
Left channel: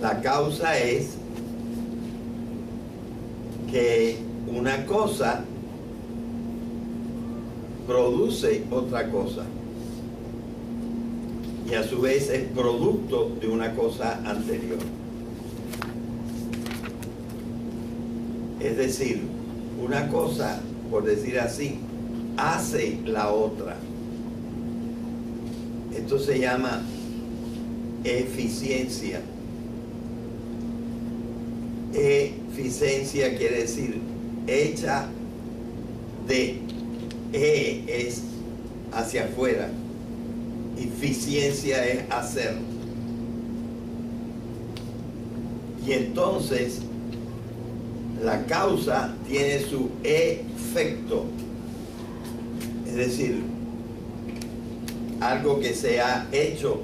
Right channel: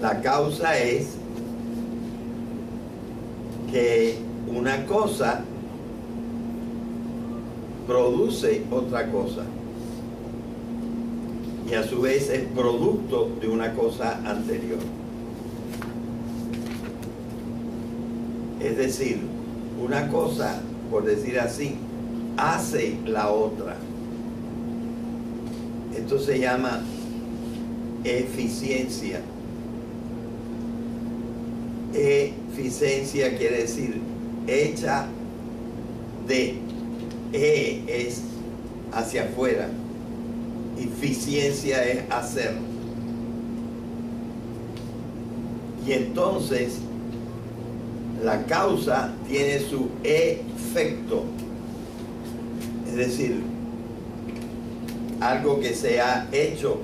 La causa es que una cosa produce otra cosa y a su vez es producto de una cosa anterior. Es decir, una cosa, por decir así, hace la otra. Esto se llama eficiencia. Eficiencia quiere decir hecha de. Es hacia afuera. Eficiencia es hacer. Y entonces la causa tiene su efecto. Es decir, algo que se ha hecho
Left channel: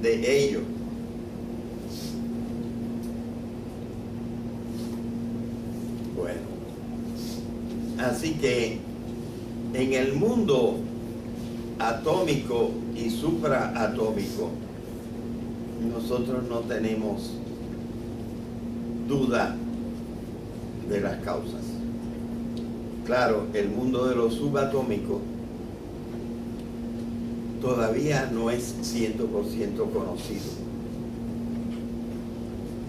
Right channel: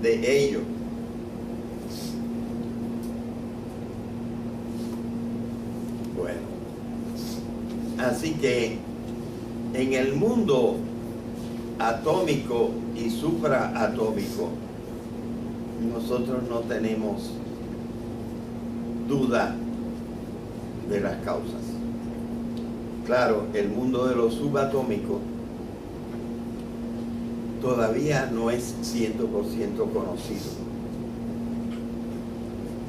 de ello. Bueno, Así que en el mundo atómico y supraatómico, nosotros no tenemos duda de las causas. Claro, el mundo de lo subatómico todavía no es 100% conocido.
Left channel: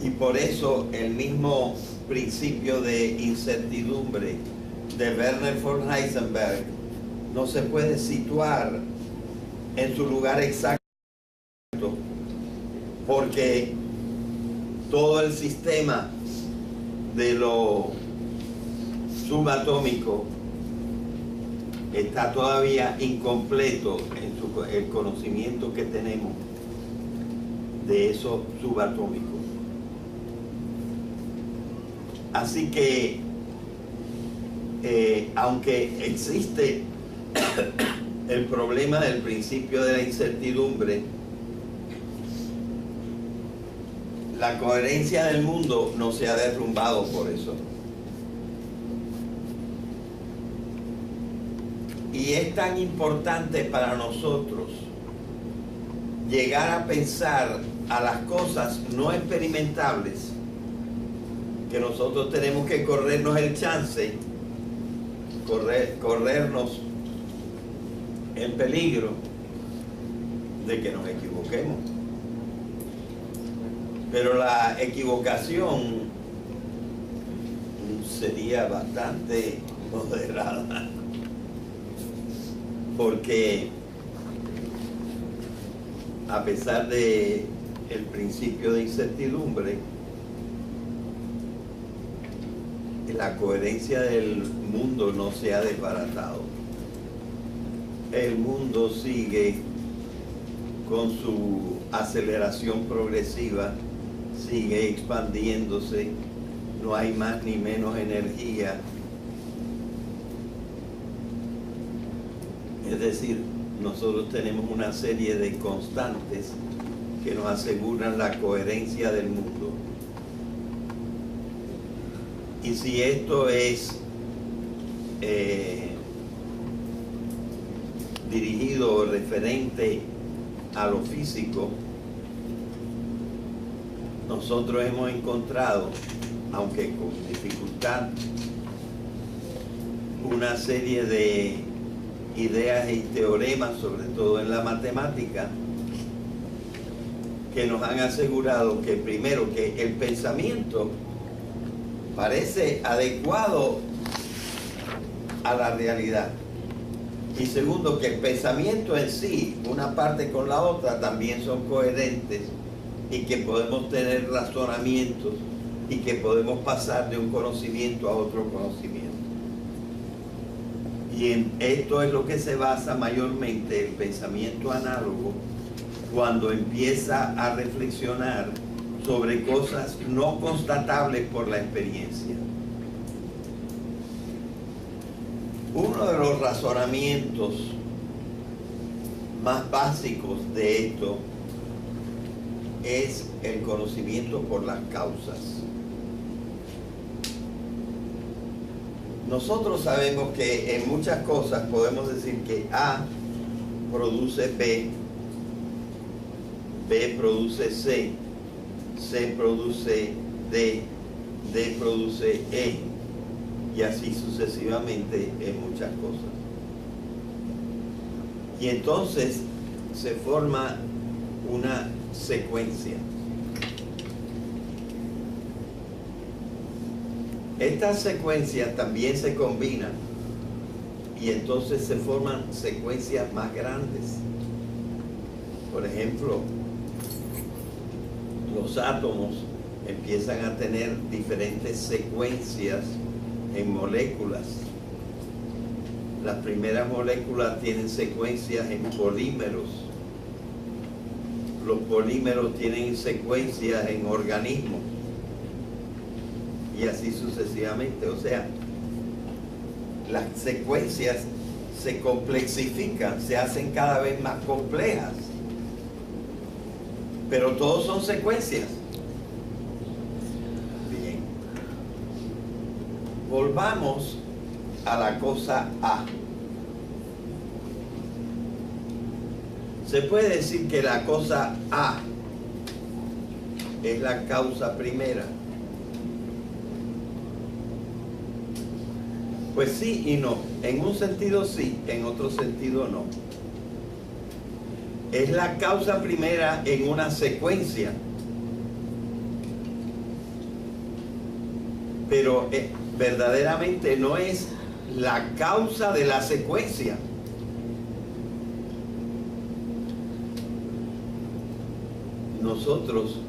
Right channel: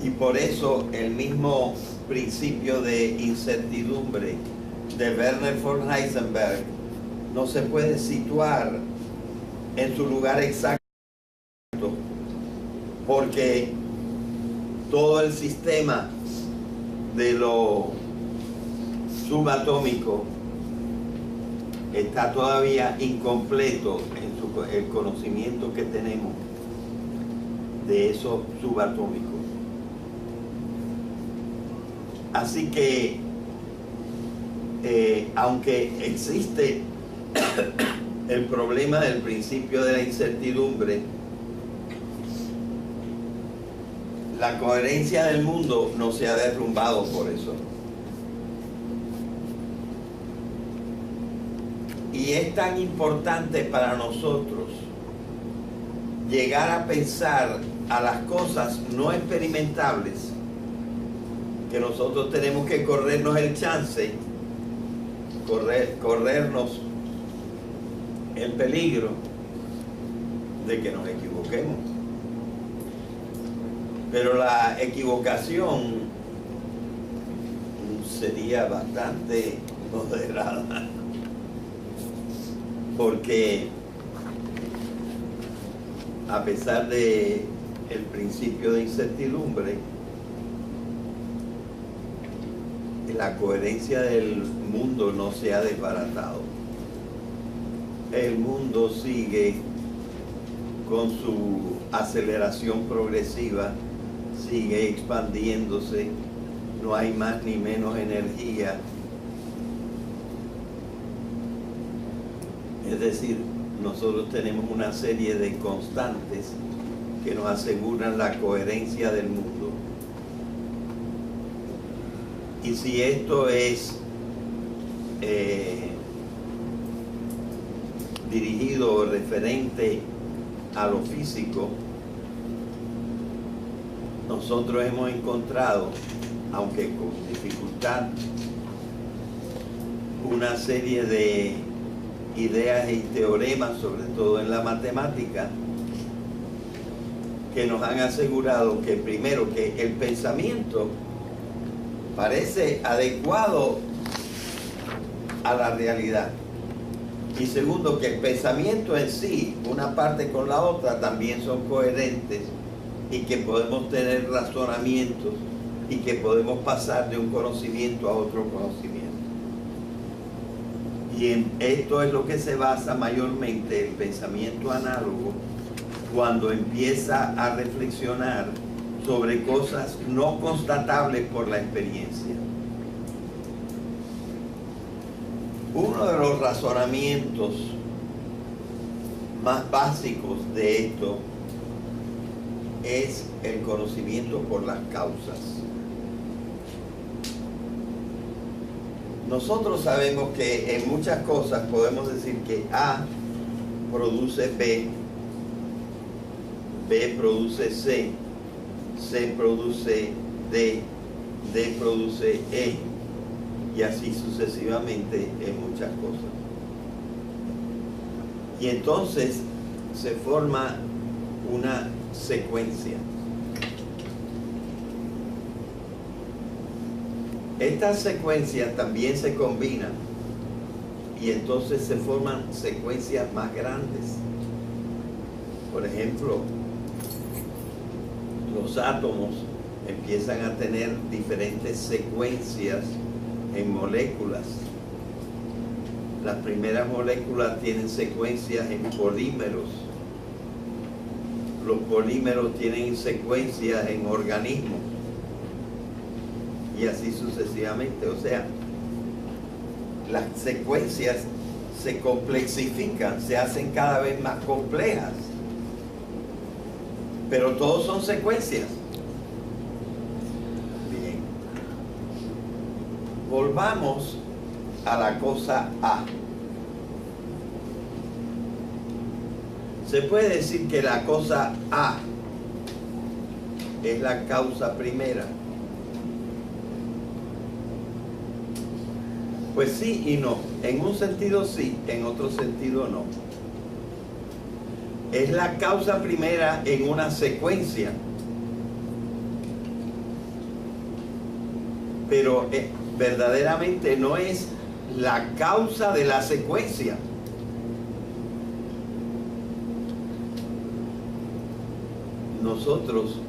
Y por eso el mismo principio de incertidumbre de Werner von Heisenberg no se puede situar en su lugar exacto, porque todo el sistema de lo subatómico está todavía incompleto en el conocimiento que tenemos de esos subatómicos. Así que aunque existe el problema del principio de la incertidumbre, la coherencia del mundo no se ha derrumbado por eso. Y es tan importante para nosotros llegar a pensar a las cosas no experimentables, que nosotros tenemos que corrernos el chance, corrernos el peligro de que nos equivoquemos. Pero la equivocación sería bastante moderada, porque a pesar de el principio de incertidumbre, la coherencia del mundo no se ha desbaratado. El mundo sigue con su aceleración progresiva, sigue expandiéndose, no hay más ni menos energía. Es decir, nosotros tenemos una serie de constantes que nos aseguran la coherencia del mundo. Y si esto es dirigido o referente a lo físico, nosotros hemos encontrado, aunque con dificultad, una serie de ideas y teoremas, sobre todo en la matemática, que nos han asegurado que primero que el pensamiento parece adecuado a la realidad, y segundo que el pensamiento en sí, una parte con la otra, también son coherentes, y que podemos tener razonamientos y que podemos pasar de un conocimiento a otro conocimiento. Y en esto es lo que se basa mayormente el pensamiento análogo, cuando empieza a reflexionar sobre cosas no constatables por la experiencia. Uno de los razonamientos más básicos de esto es el conocimiento por las causas. Nosotros sabemos que en muchas cosas podemos decir que A produce B, B produce C, C produce D, D produce E, y así sucesivamente en muchas cosas. Y entonces se forma una secuencia. Estas secuencias también se combinan y entonces se forman secuencias más grandes. Por ejemplo, los átomos empiezan a tener diferentes secuencias en moléculas. Las primeras moléculas tienen secuencias en polímeros. Los polímeros tienen secuencias en organismos. Y así sucesivamente. O sea, las secuencias se complexifican, se hacen cada vez más complejas. Pero todos son secuencias. Bien. Volvamos a la cosa A. Se puede decir que la cosa A es la causa primera. Pues sí y no. En un sentido sí, en otro sentido no. Es la causa primera en una secuencia. Pero verdaderamente no es la causa de la secuencia. Nosotros,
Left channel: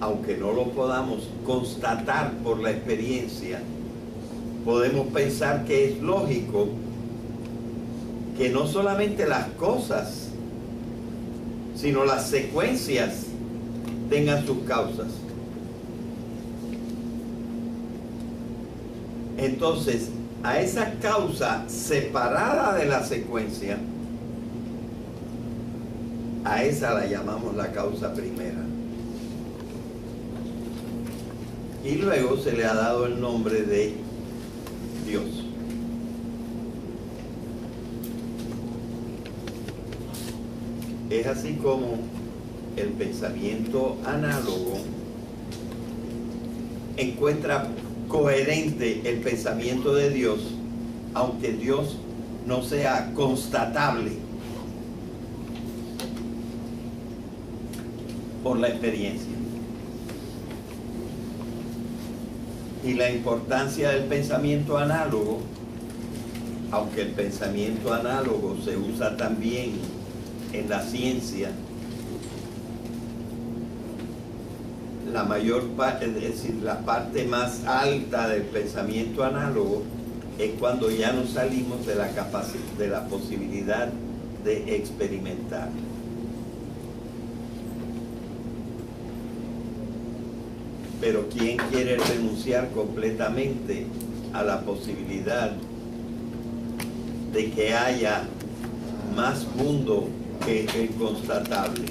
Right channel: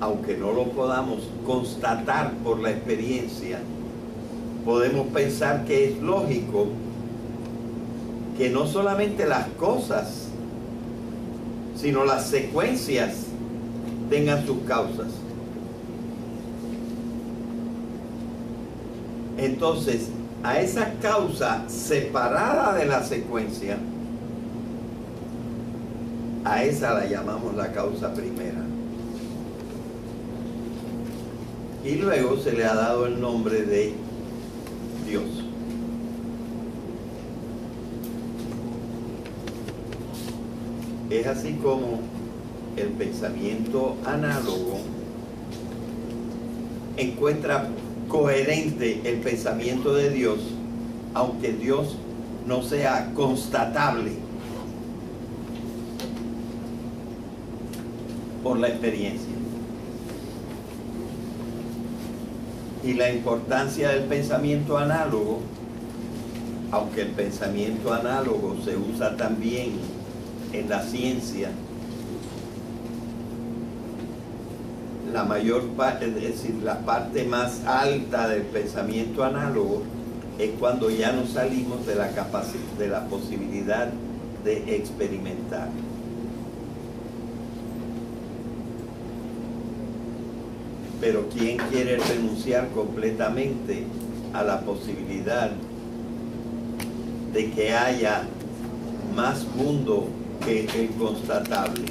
aunque no lo podamos constatar por la experiencia, podemos pensar que es lógico que no solamente las cosas, sino las secuencias tengan sus causas. Entonces, a esa causa separada de la secuencia, a esa la llamamos la causa primera. Y luego se le ha dado el nombre de Dios. Es así como el pensamiento análogo encuentra coherente el pensamiento de Dios, aunque Dios no sea constatable por la experiencia. Y la importancia del pensamiento análogo, aunque el pensamiento análogo se usa también en la ciencia, la mayor parte, es decir, la parte más alta del pensamiento análogo es cuando ya nos salimos de la capacidad, de la posibilidad de experimentar. Pero ¿quién quiere renunciar completamente a la posibilidad de que haya más mundo que el constatable?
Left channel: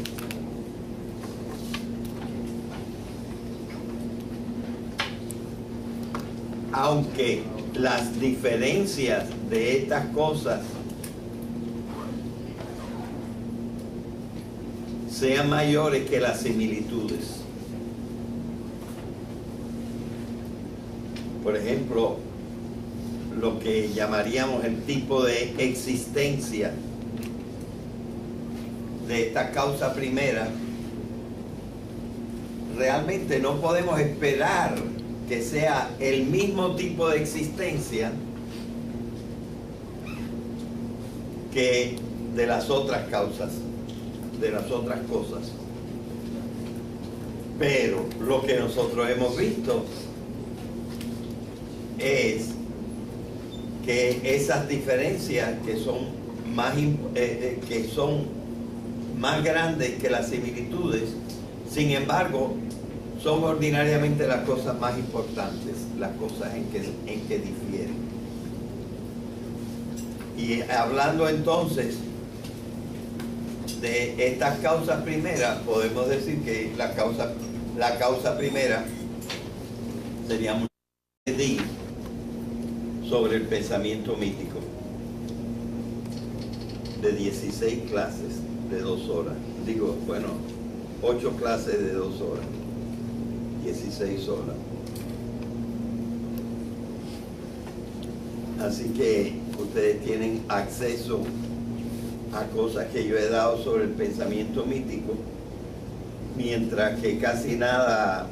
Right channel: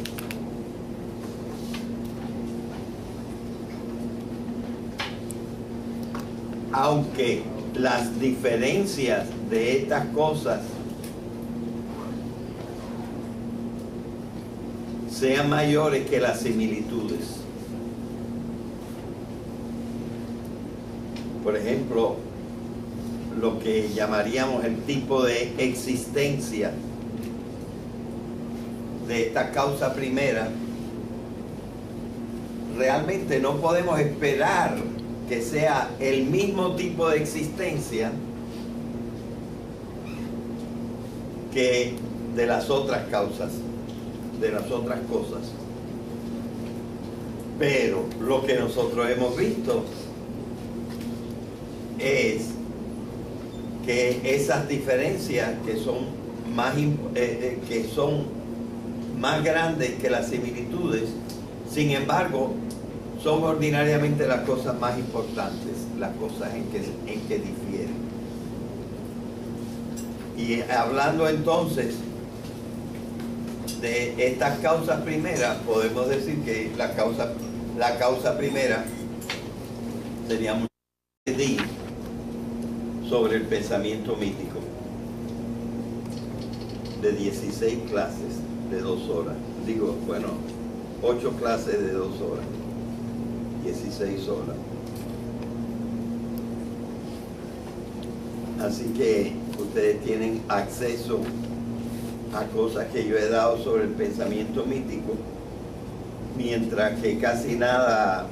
Aunque las diferencias de estas cosas sean mayores que las similitudes. Por ejemplo, lo que llamaríamos el tipo de existencia de esta causa primera, realmente no podemos esperar que sea el mismo tipo de existencia que de las otras causas, de las otras cosas. Pero lo que nosotros hemos visto es que esas diferencias que son más grandes que las similitudes, sin embargo, son ordinariamente las cosas más importantes, las cosas en que difieren. Y hablando entonces de estas causas primeras, podemos decir que la causa primera sería muy sobre el pensamiento mítico, de 16 clases de 2 horas. Digo, bueno, 8 clases de 2 horas. 16 horas. Así que ustedes tienen acceso a cosas que yo he dado sobre el pensamiento mítico, mientras que casi nada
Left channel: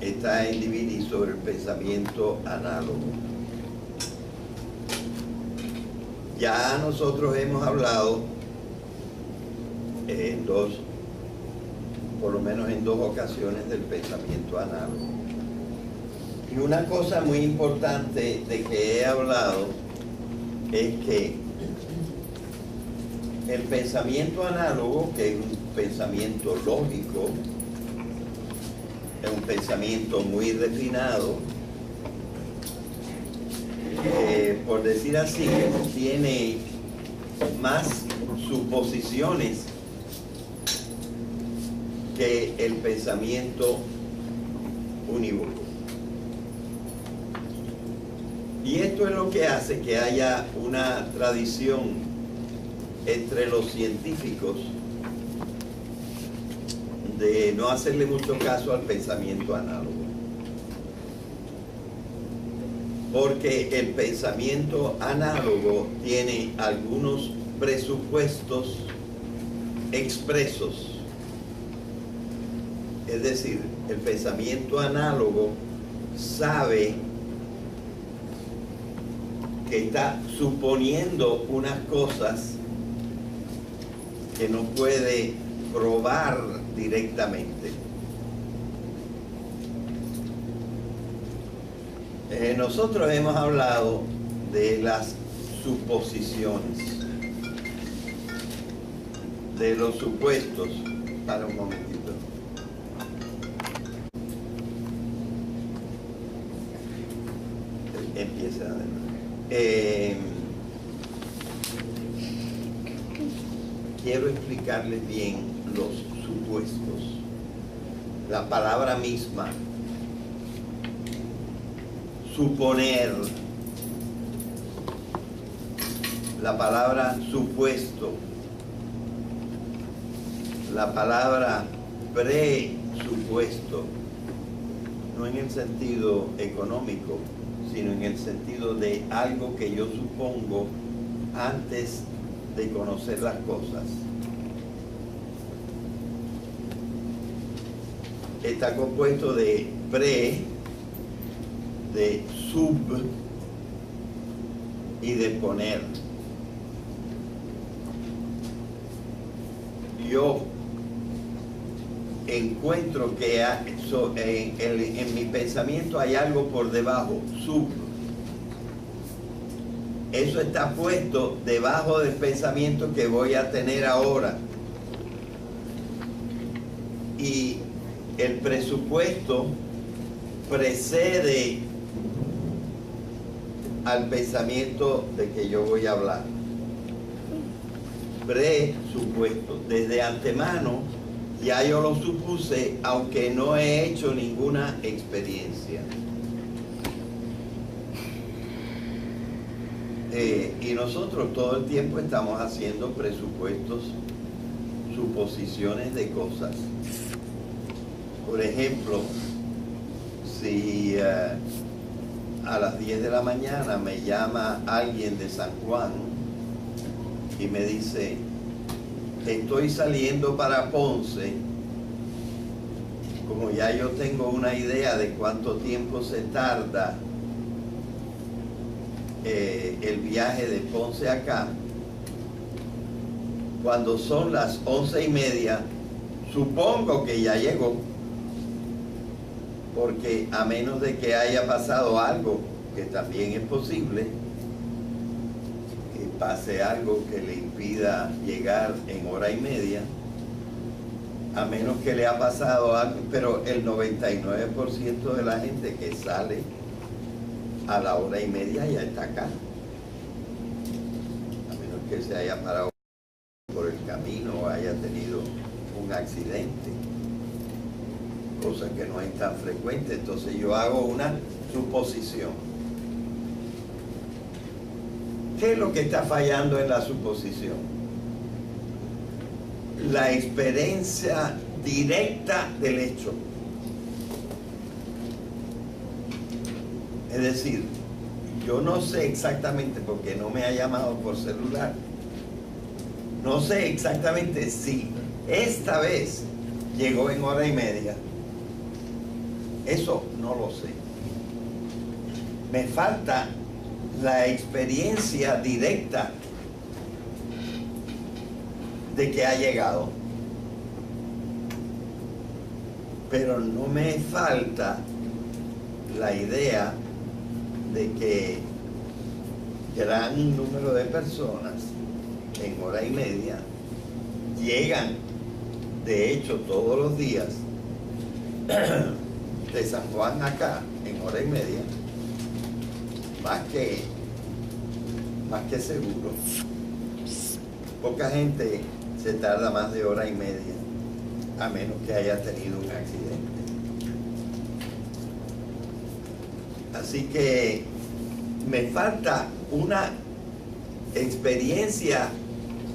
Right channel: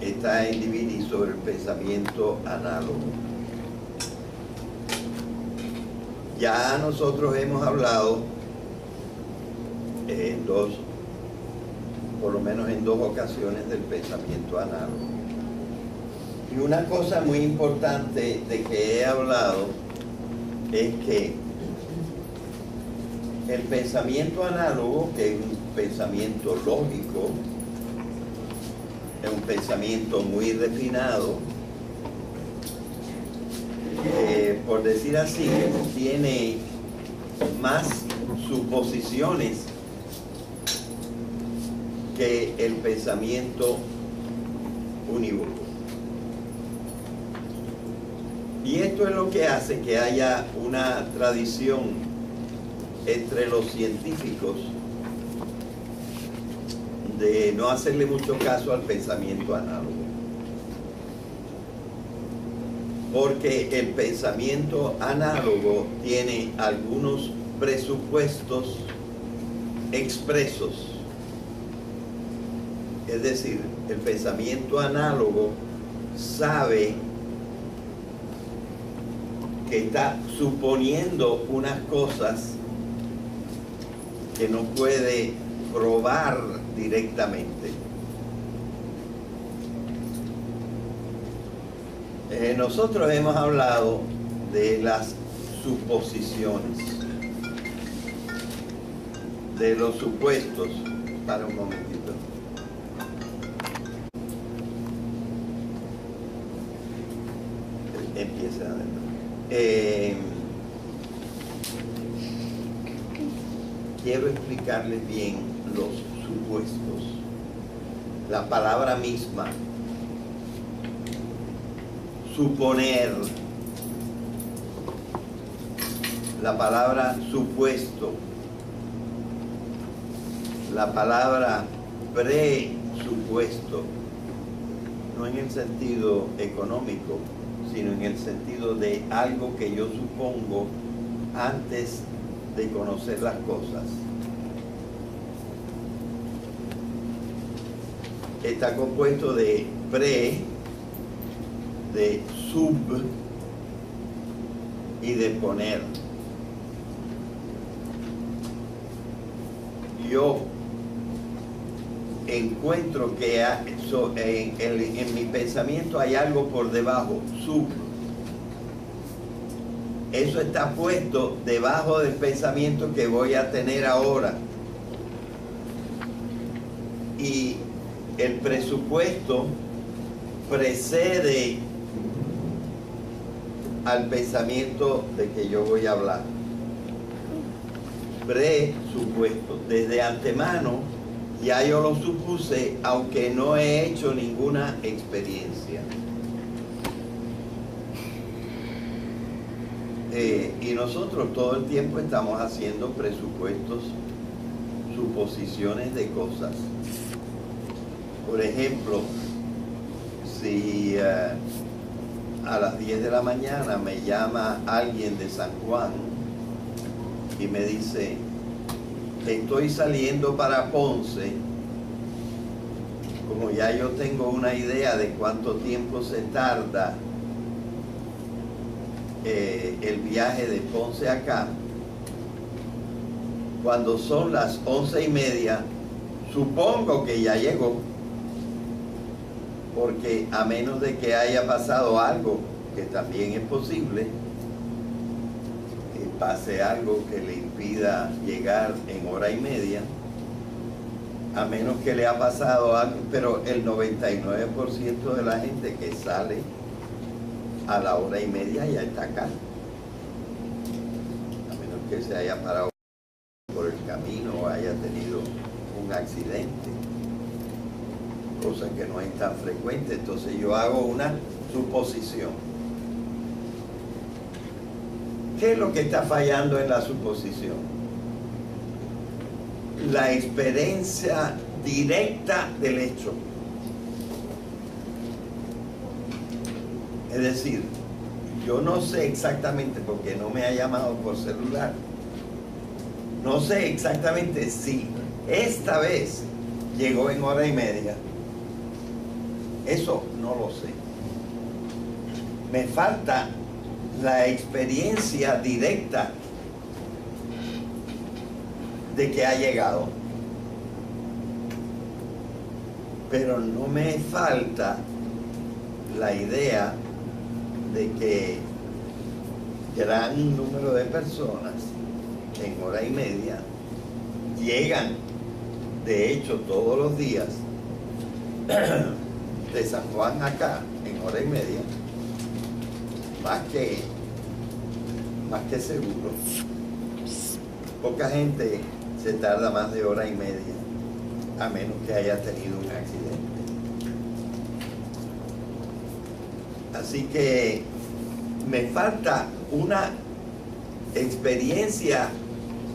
está en DVD sobre el pensamiento análogo. Ya nosotros hemos hablado por lo menos en 2 ocasiones, del pensamiento análogo. Y una cosa muy importante de que he hablado es que el pensamiento análogo, que es un pensamiento lógico, es un pensamiento muy refinado, por decir así, tiene más suposiciones que el pensamiento unívoco. Y esto es lo que hace que haya una tradición entre los científicos de no hacerle mucho caso al pensamiento análogo. Porque el pensamiento análogo tiene algunos presupuestos expresos. Es decir, el pensamiento análogo sabe que está suponiendo unas cosas que no puede probar directamente. Nosotros hemos hablado de las suposiciones, de los supuestos. Para un momentito. Empieza de nuevo. Quiero explicarles bien los supuestos. La palabra misma, suponer, la palabra supuesto, la palabra presupuesto, no en el sentido económico, sino en el sentido de algo que yo supongo antes de conocer las cosas. Está compuesto de pre, de sub y de poner. Yo encuentro que en mi pensamiento hay algo por debajo, sub. Eso está puesto debajo del pensamiento que voy a tener ahora. Y el presupuesto precede al pensamiento de que yo voy a hablar. Presupuesto. Desde antemano ya yo lo supuse, aunque no he hecho ninguna experiencia. Y nosotros todo el tiempo estamos haciendo presupuestos, suposiciones de cosas. Por ejemplo, si a las 10 de la mañana me llama alguien de San Juan y me dice, estoy saliendo para Ponce, como ya yo tengo una idea de cuánto tiempo se tarda el viaje de Ponce acá, cuando son las 11:30, supongo que ya llegó, porque a menos de que haya pasado algo, que también es posible, que pase algo que le impida llegar en 1:30, a menos que le ha pasado algo, pero el 99% de la gente que sale a la 1:30 ya está acá, a menos que se haya parado por el camino o haya tenido un accidente, cosa que no es tan frecuente. Entonces yo hago una suposición. ¿Qué es lo que está fallando en la suposición? La experiencia directa del hecho. Es decir, yo no sé exactamente, porque no me ha llamado por celular, no sé exactamente si esta vez llegó en 1:30. Eso no lo sé. Me falta la experiencia directa de que ha llegado. Pero no me falta la idea de que gran número de personas en 1:30 llegan, de hecho, todos los días de San Juan acá en 1:30, más que seguro. Poca gente se tarda más de 1:30, a menos que haya tenido un accidente. Así que me falta una experiencia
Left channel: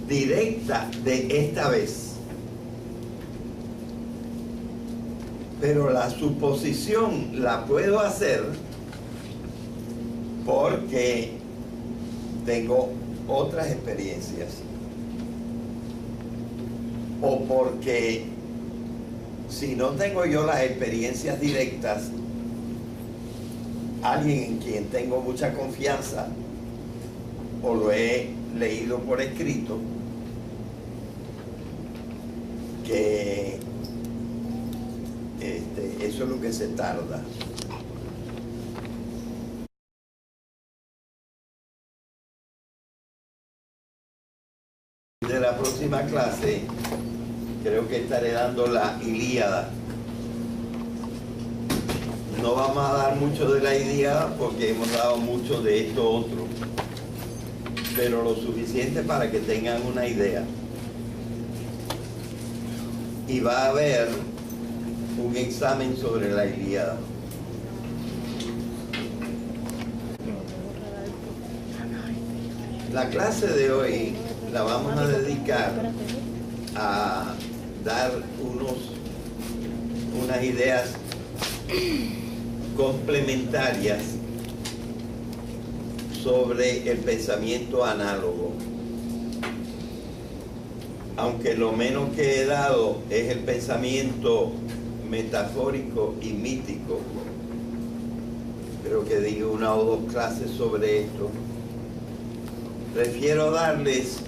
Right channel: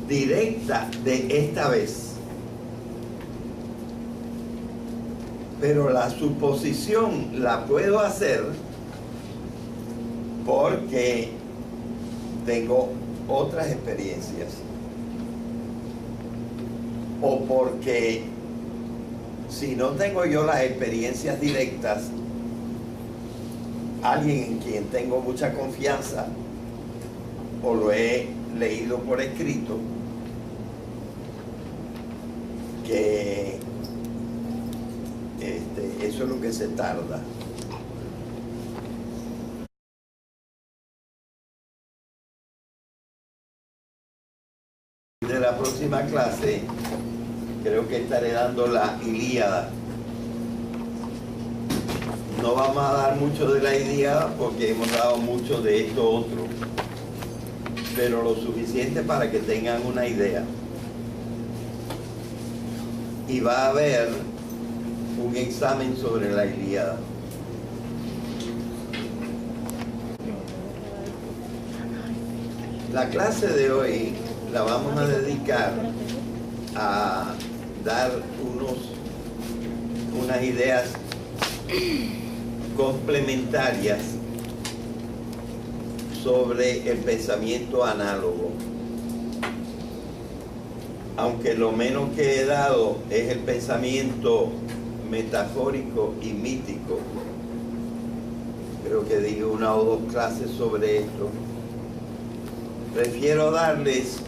directa de esta vez. Pero la suposición la puedo hacer porque tengo otras experiencias. O porque si no tengo yo las experiencias directas, alguien en quien tengo mucha confianza o lo he leído por escrito, que eso es lo que se tarda. De la próxima clase creo que estaré dando la Ilíada. No vamos a dar mucho de la Ilíada porque hemos dado mucho de esto otro, pero lo suficiente para que tengan una idea. Y va a haber un examen sobre la Ilíada. La clase de hoy la vamos a dedicar a dar unas ideas complementarias sobre el pensamiento análogo. Aunque lo menos que he dado es el pensamiento metafórico y mítico. Creo que di una o dos clases sobre esto. Prefiero darles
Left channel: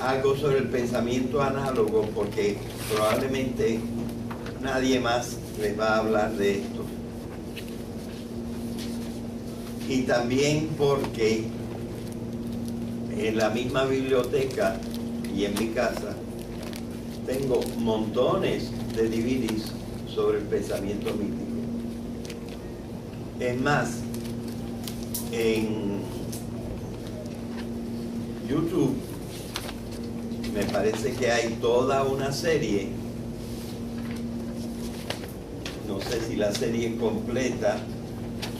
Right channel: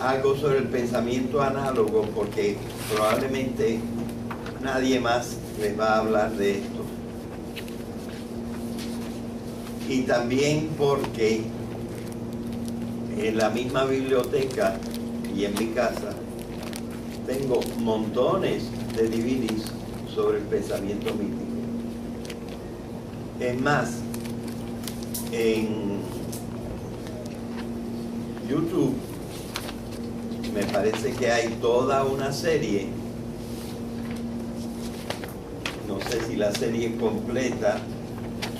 algo sobre el pensamiento análogo porque probablemente nadie más les va a hablar de esto. Y también porque en la misma biblioteca y en mi casa tengo montones de DVDs sobre el pensamiento mítico. Es más, en YouTube me parece que hay toda una serie, no sé si la serie completa,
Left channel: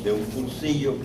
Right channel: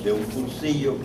de un cursillo que